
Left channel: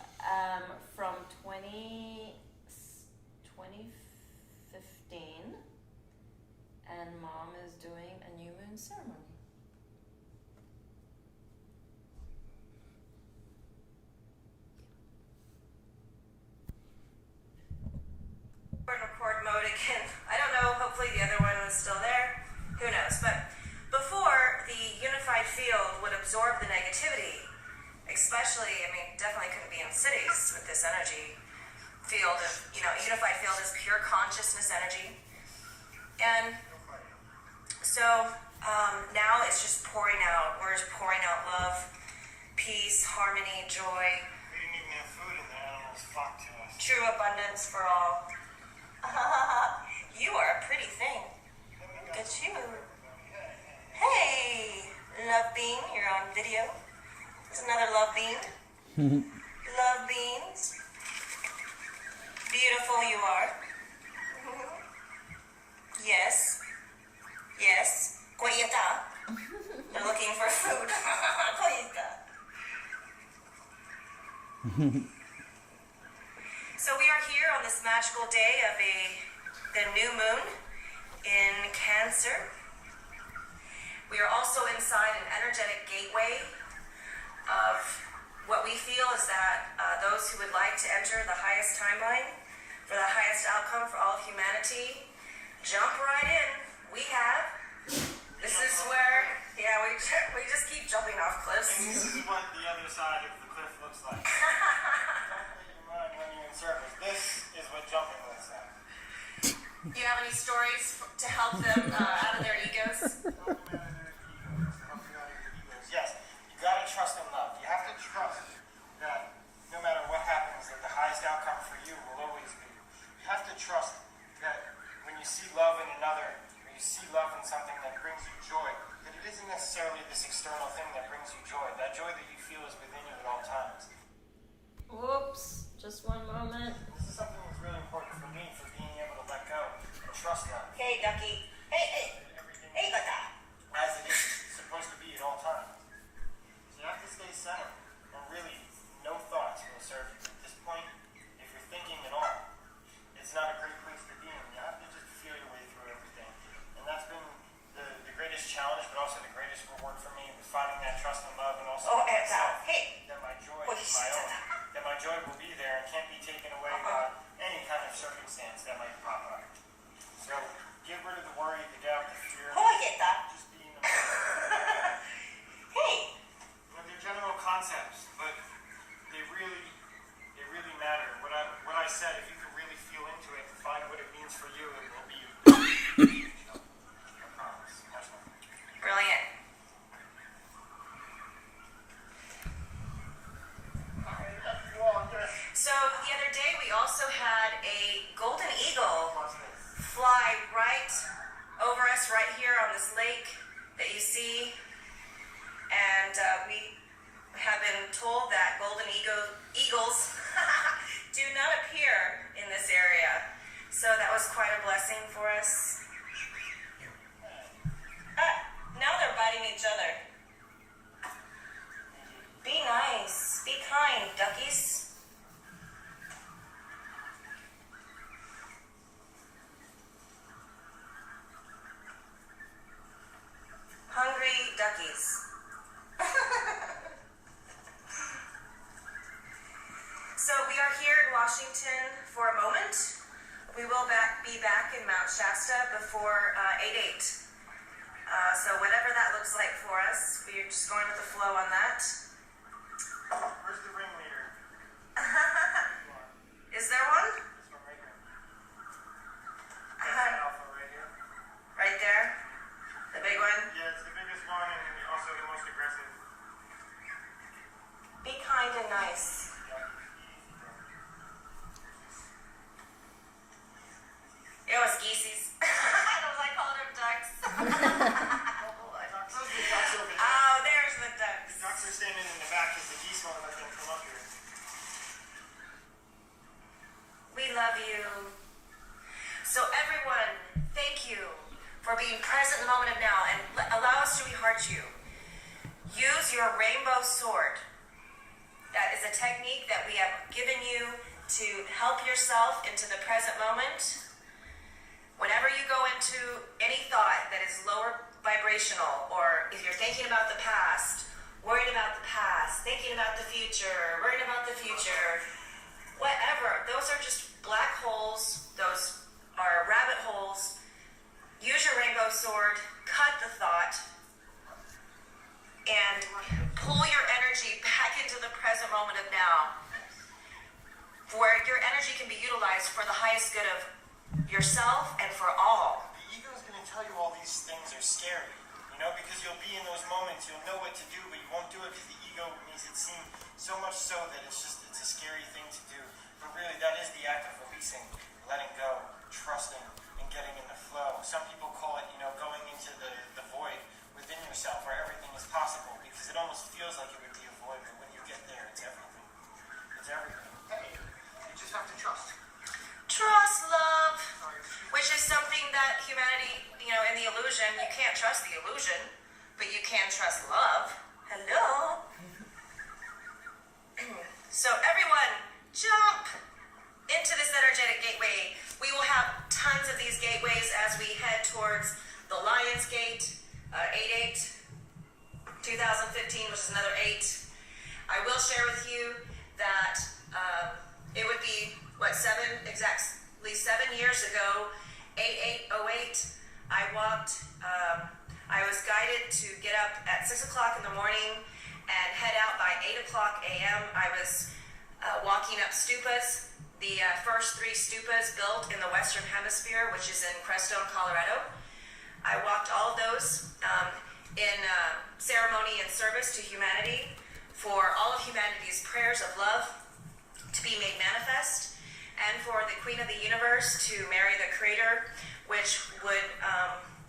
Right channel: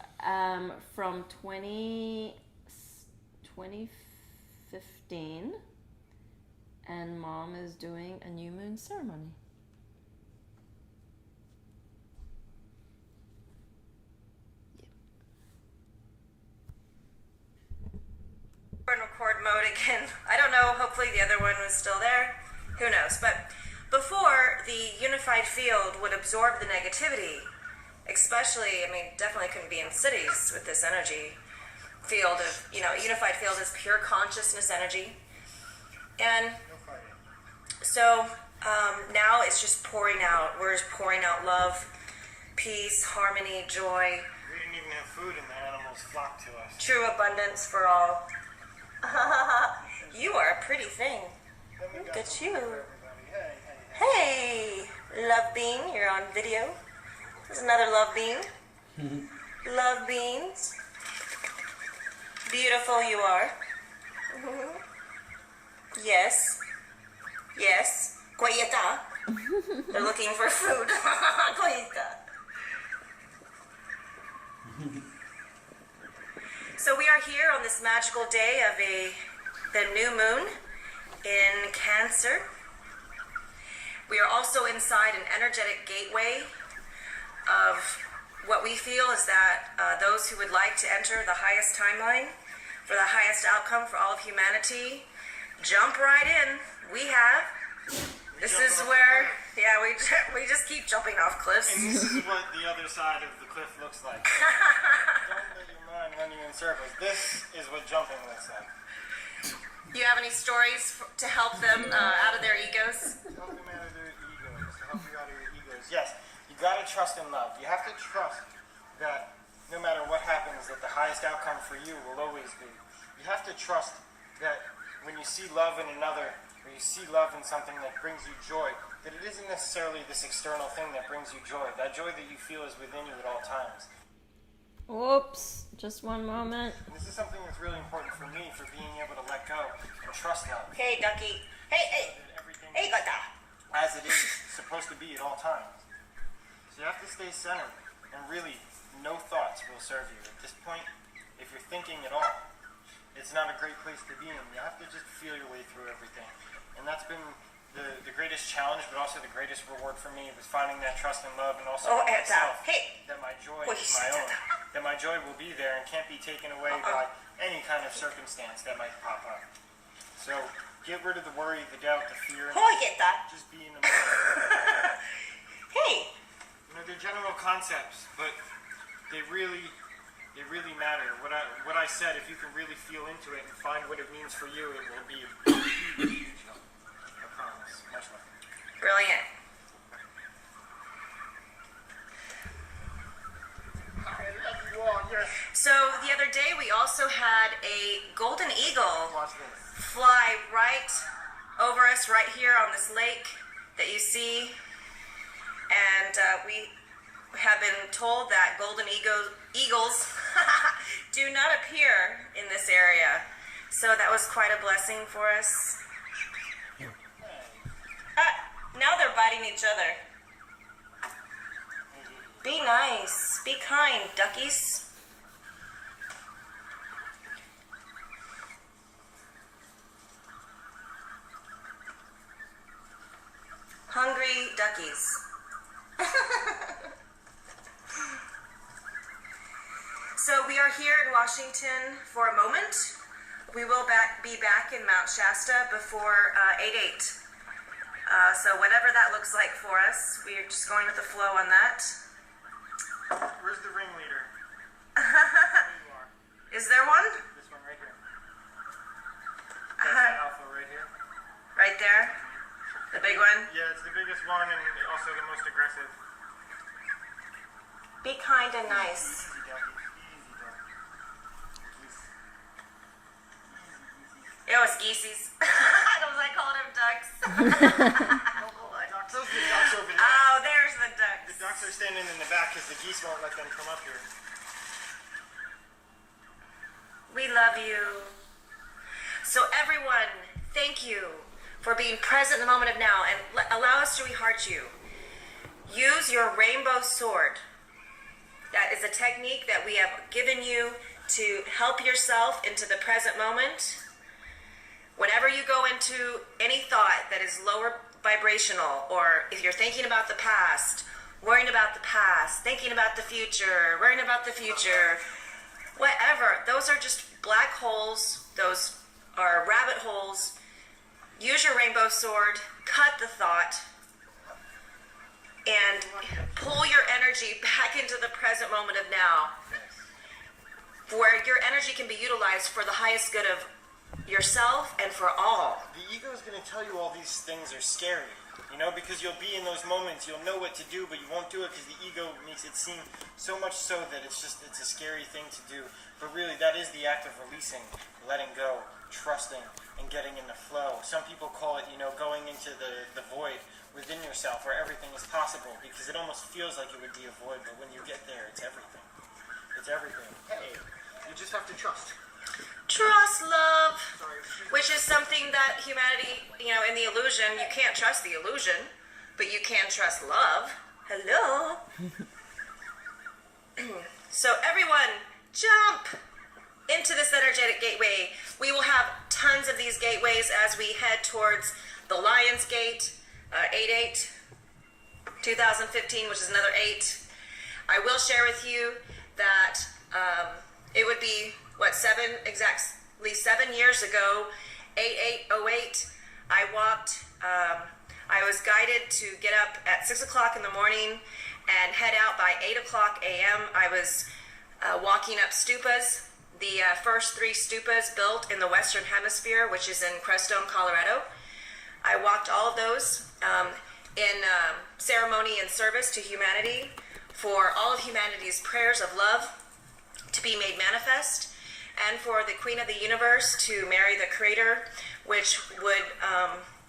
from 2015, and Mom is doing a new moon ceremony. We're in record mode again. I don't know, hopefully the other one is still there. Who knows? But before, the unified field would absorb the negativity, especially, definitely couldn't be in cities with this energy field of, unified field is pure consciousness energy. And so now it's just pouring out. We're just pouring out love, peace, harmony, joy. We didn't even have food and the animals flocked to us. True abundance for all. You are a pretty thing. Look at you. Hey, Love Bean, you're on video. There's another Love Bean. Love Beans. Beautiful you are. Yes. Yes. Koyeta. They're looking for food. Koyeta. So we are here on this magical day of the new moon in Cancer. We are also inside an energetic gateway of what we feel is that those who would like to enter the highest timeline for the highest outcome for all of humanity, jump right in. We have. This is where, we just keep jumping off cliffs. And this is what the other side of the cliff looks like. Don't let your mind run you in circles. This is what jumping looks like. Do you have any stories to help them out of their egos? Help them out of their egos. To help you out of your egos. Yes, you gotta trust and love. You have to trust that no matter what happens, that the highest outcome for you will always be. You have to trust that when you see love in another, or you see love in something that brings you joy, that it isn't necessarily this external thing that brings you joy. That joy that you feel is within you at all times. Whoops, just one moment. And this is something that's really important for me, for being able to let go and trust love. Hey, Ducky. Hey. Hey, Gata. As it is supposed to be at all times. So you have to stay centered, and really, no thoughts will serve you. At this point, if you're thinking at all, it's not a great place to be in. You have to just feel your way through everything. And that's been the greatest challenge, but also the greatest reward for me, was finding that trust and love, and also myself, that my joy is my own. That my joy will be there and can't be taken away by any kind of circumstance that might pop up. So get rid of the worry, the doubt, the fear. Oh, I get that. Just be in the moment. Hey. They're general concepts, but they really matter. What I said, if you can really feel into it and find what it means for you, it will be huge. I promise. Much love. Brilliant. So the other day we also had a golden eagle fly right over us right here on this lake that you see. and we have been told that golden eagles do not appear in this area. So that was quite a blessing for us. Now they're biting each other. Be nice. Be kind, duckies. Hungry duckies. So we are here in Washington for a moment. We will be back in Mount Shasta before 8/8. So whatever that looks like for us, we're just going with the flow on that. Where's the ringleader? Is there one? This one right here. That's the alpha right here. Right there? The big one? Yeah, it's the biggest one and also the most aggressive. Be kind and nice. Easy, ducky. It was geeseys. I called them ducks. Those are the ducks over there. Oh, there's the ducks. The ducks are standing in the back because the geese won't let them come up here. We love you. So everyone, thank you for being present in the moment of now and allow us to reheart you. Use your rainbow sword. That is a technique that we have given you to help yourself into the present moment. Whenever you go into any thought that is lower vibrational, or if you're thinking about the past, worrying about the past, thinking about the future, worrying about the future, whatever, those are just black holes, those are rabbit holes. Use your rainbow sword, cut the thought, and pull your energy back into the present moment of now, where your energy can be utilized for the highest good of yourself and for all. The ego is going to tell you all these things are scary, you know, because you'll be in those moments, you'll know what to do, but you won't do it because the ego makes it seem so much so that it's a scary thing to do. But really, that is the act of releasing, letting go, trusting, and getting in the flow. Some people call it, you know, going into the void within yourself where everything is possible, because it almost feels like it would be a void, but when you get there, it's everything. It's everything. Hey, you just have to trust. Trust love, which is something that humanity, you know, in the illusion, you can't trust the illusion, but you can trust love. Hello. So everyone, jump into this energetic gateway. We will have tons of these gateways as we head towards the Lion's Gate, 8/8, 2015, which is another 8. I will share with you that it would be, exactly 7 years ago, 8/8/08, I walked, I was guided to get up at 6 o'clock in the morning and head out by 8 o'clock a.m. I was walking up stupas, the first 3 stupas built in the Western Hemisphere, which is in Crestone, Colorado. I walked all of those in ceremony and service to humanity, for all of humanity's prayers of love to be made manifest, and for the Queen of the Universe to marry the Creator, which would,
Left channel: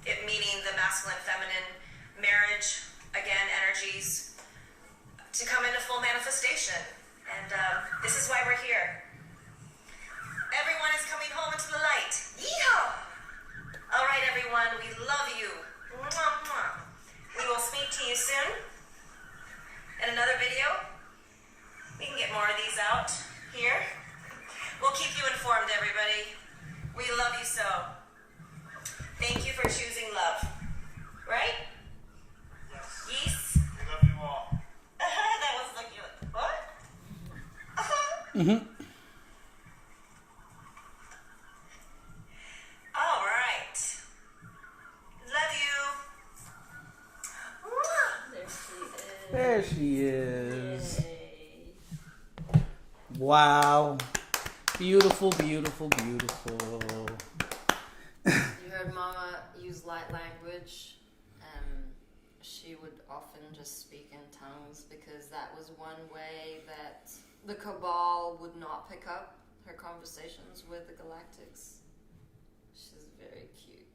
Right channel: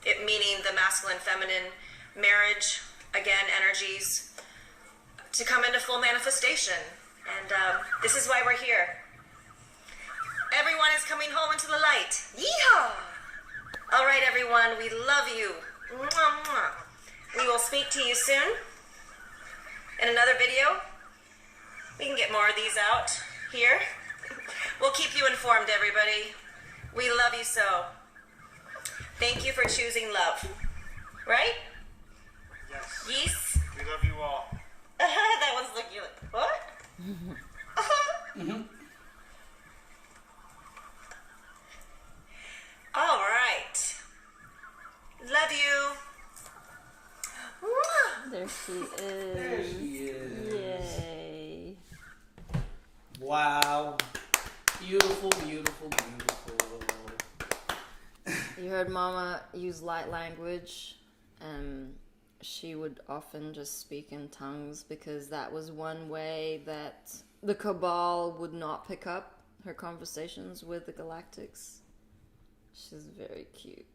it meaning the masculine-feminine marriage, again, energies, to come into full manifestation. And this is why we're here. Everyone is coming home into the light. Yeehaw! All right, everyone, we love you. Mwah, mwah. We will speak to you soon in another video. We can get more of these out here. We'll keep you informed, everybody. We love you so. Thank you for choosing love. Right? Yes. Yes? We love you all. That was like, you're like, what? All right. Love you. There she is. There she is. Yay. Wow. Beautiful, beautiful, beautiful. You heard Mama use light language, and she would often just speak in tongues because that was one way that the Cabal would not pick up her conversations with the Galactics. She's very cute.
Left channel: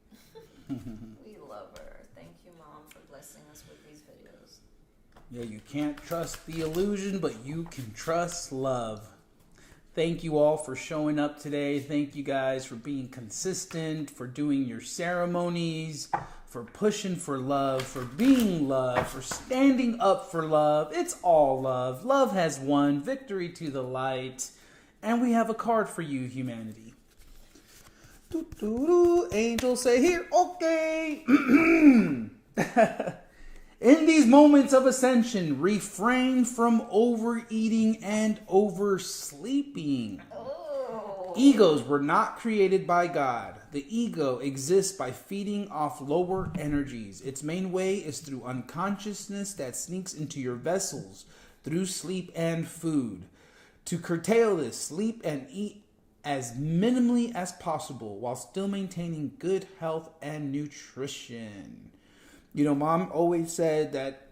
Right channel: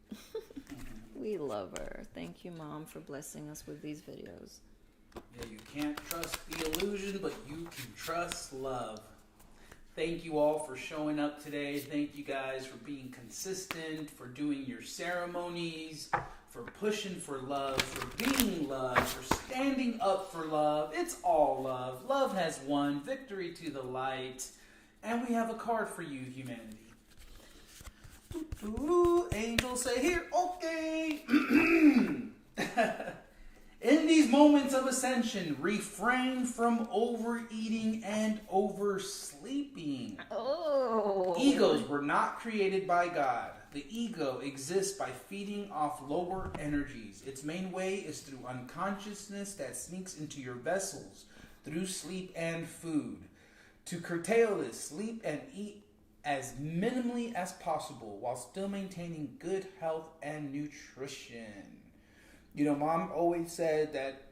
We love her. Thank you, Mom, for blessing us with these videos. Yeah, you can't trust the illusion, but you can trust love. Thank you all for showing up today. Thank you guys for being consistent, for doing your ceremonies, for pushing for love, for being love, for standing up for love. It's all love. Love has won. Victory to the light. And we have a card for you, humanity. Angels say here, okay. In these moments of ascension, refrain from overeating and oversleeping. Oh. Egos were not created by God. The ego exists by feeding off lower energies. Its main way is through unconsciousness that sneaks into your vessels through sleep and food. To curtail this, sleep and eat as minimally as possible while still maintaining good health and nutrition. You know, Mom always said that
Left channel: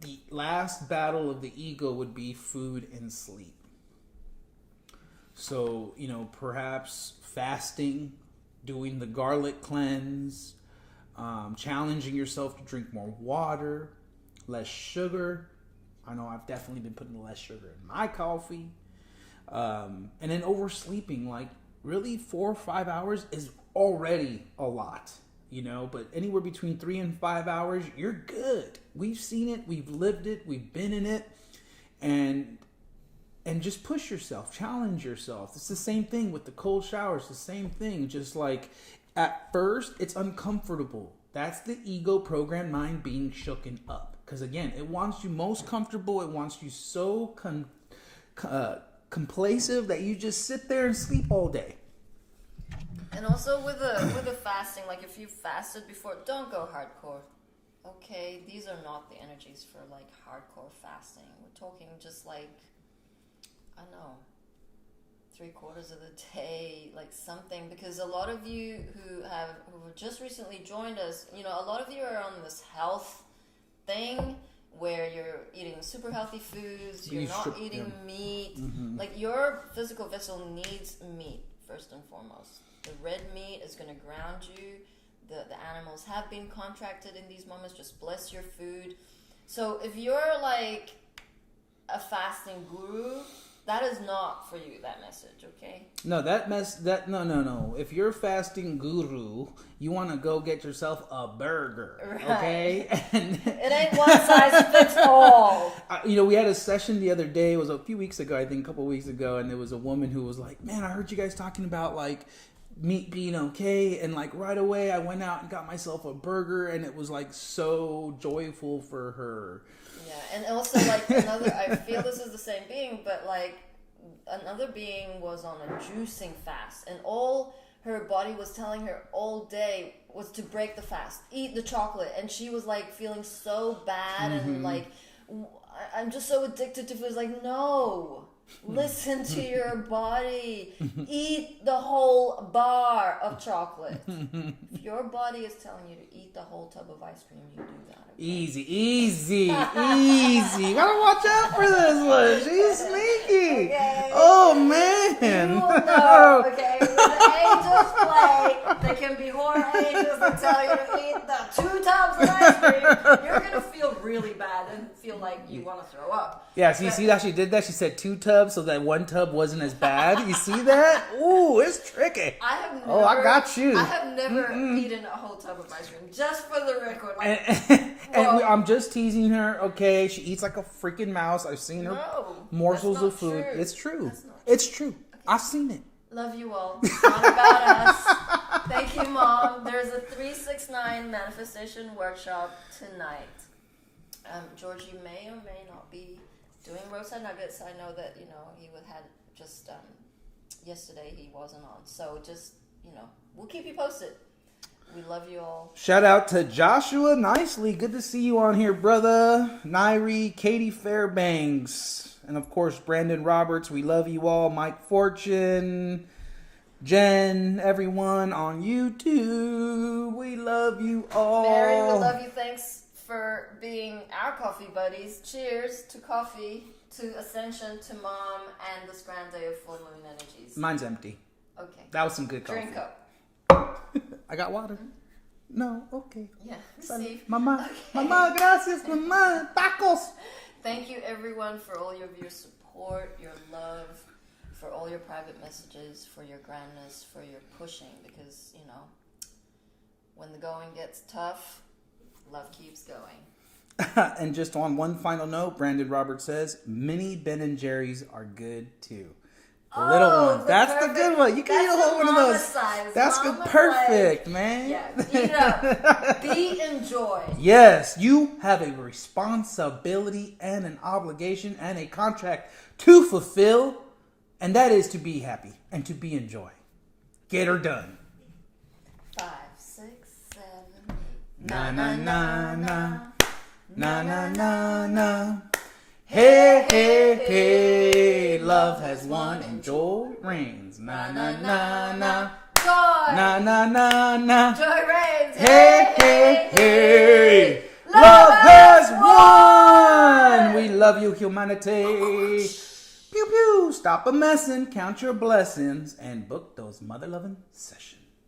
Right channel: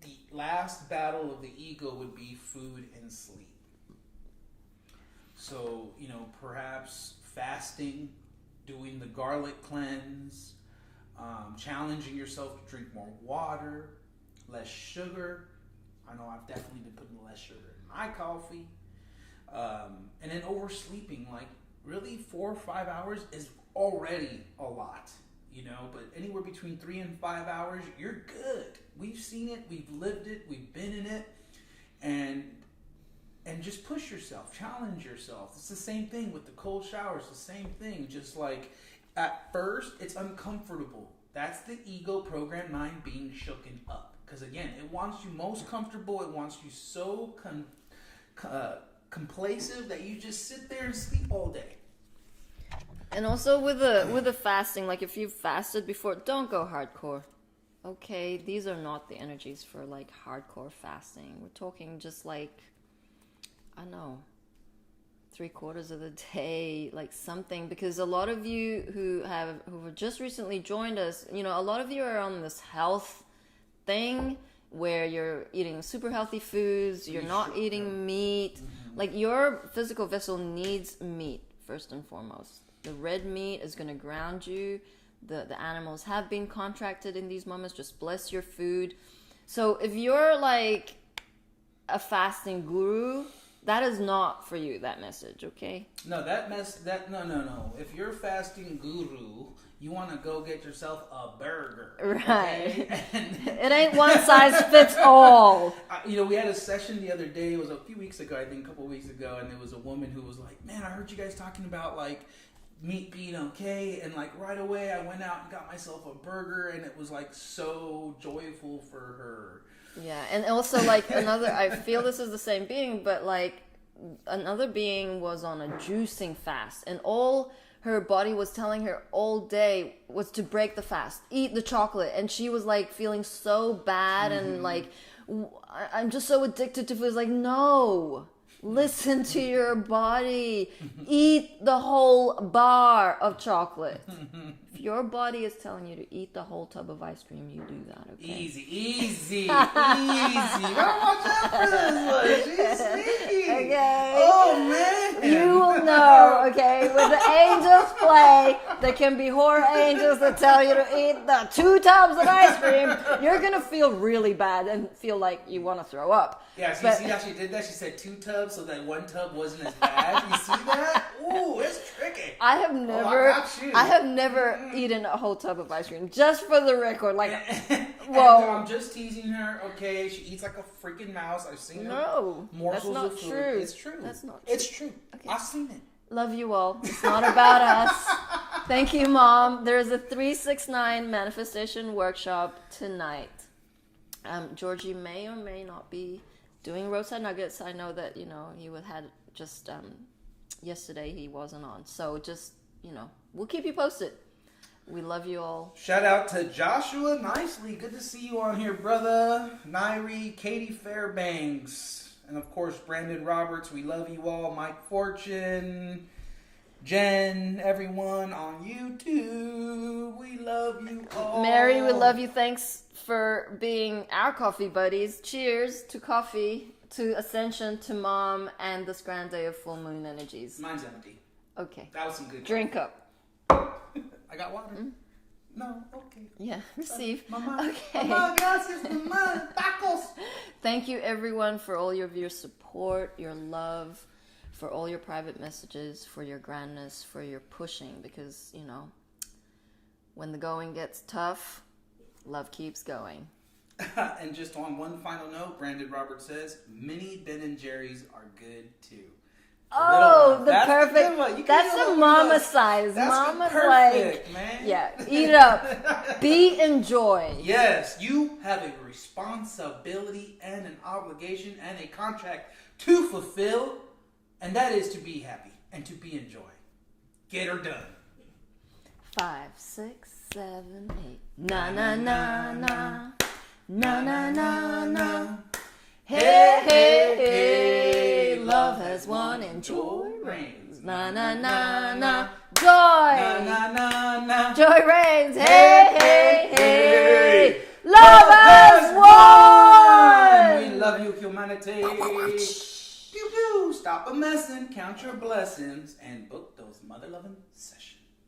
the last battle of the ego would be food and sleep. So, you know, perhaps fasting, doing the garlic cleanse, challenging yourself to drink more water, less sugar. I know I've definitely been putting less sugar in my coffee. And then oversleeping, like really 4 or 5 hours is already a lot. You know, but anywhere between 3 and 5 hours, you're good. We've seen it, we've lived it, we've been in it, and just push yourself, challenge yourself. It's the same thing with the cold showers, the same thing. Just like at first, it's uncomfortable. That's the ego programmed mind being shooken up. Because again, it wants you most comfortable. It wants you so complacent that you just sit there and sleep all day. And also with the fasting, like if you fasted before, don't go hardcore. Okay, these are not the energies for like hardcore fasting. We're talking just like, I don't know, 3/4 of the day, like something. Because a lot of you who have just recently joined us, you know, a lot of you are on this health thing where you're eating super healthy foods, you're not eating meat. Mm-hmm. Like your physical vessel needs meat first and foremost. The red meat is going to ground you. The animals have been contracted in these moments. Just bless your food. So if you're like a fasting guru, that is not for you, that message, okay? No, no. If you're a fasting guru, you want to go get yourself a burger, right? Okay? And it ain't one size fits all. You know, we had a session the other day. It was a few weeks ago, I think, a couple of weeks ago, and there was a woman who was like, "Man, I heard you guys talking about like meat being okay," and like right away, I went out and got myself a burger, and it was like so joyful for her. Yeah, and also like another, I feel this is the same being, but like another being was on a juicing fast, and all her body was telling her all day was to break the fast, eat the chocolate, and she was like feeling so bad and like, I'm just so addicted to food. It's like, no, listen to your body. Eat the whole bar of chocolate. If your body is telling you to eat the whole tub of ice cream, you do that, okay? Easy. You gotta watch out for this one. She's sneaky. Okay. Oh, man. You will know, okay? When the angels play, there can be horror angels that tell you to eat the 2 tubs of ice cream. You're gonna feel really bad and feel like you want to throw up. Yeah, so you see how she did that? She said 2 tubs so that 1 tub wasn't as bad. You see that? Ooh, it's tricky. I have never. Oh, I got you. I have never eaten a whole tub of ice cream. Just for the record, like. And I'm just teasing her. Okay, she eats like a freaking mouse. I've seen her morsels of food. True. It's true. That's not true. It's true. Okay. I've seen it. Love you all. It's not about us. Thank you, Mom. There's a 369 manifestation workshop tonight. Georgie may or may not be doing roadside nuggets. I know that, you know, he had just yesterday he wasn't on. So just, you know, we'll keep you posted. We love you all. Shout out to Joshua Nicely. Good to see you on here, brother. Nairi, Katie Fairbanks, and of course Brandon Roberts. We love you all. Mike Fortune, Jen, everyone on YouTube. We love you all. Mary, we love you. Thanks for being our coffee buddies. Cheers to coffee, to Ascension, to Mom, and this grand day of full moon energies. Mine's empty. Okay. That was some good coffee. Drink up. I got water. No, okay. Yeah, Steve. Mamá, Okay. mamá, gracias, mamá, tacos. Thank you, everyone, for all of your support, your love, for all your private messages, for your grandness, for your pushing. Because, you know, when the going gets tough, love keeps going. And just on one final note, Brandon Roberts says, mini Ben and Jerry's are good too. The little one. That's perfect. the good one. You can That's eat a the little one of mama those. size. That's Mama's good. Perfect, like, man. Yeah, eat it up. Be enjoyed. Yes, you have a responsibility and an obligation and a contract to fulfill, and that is to be happy and to be enjoyed. Get her done. 5, 6, 7, 8. Na na na na. Na na na na. Hey, hey, hey, love has won and joy reigns. Na na na na. Joy. Na na na na. Joy reigns. Hey, hey, hey. Love has won. We love you, humanity. Pew pew. Stop a messin', count your blessings, and book those mother loving sessions.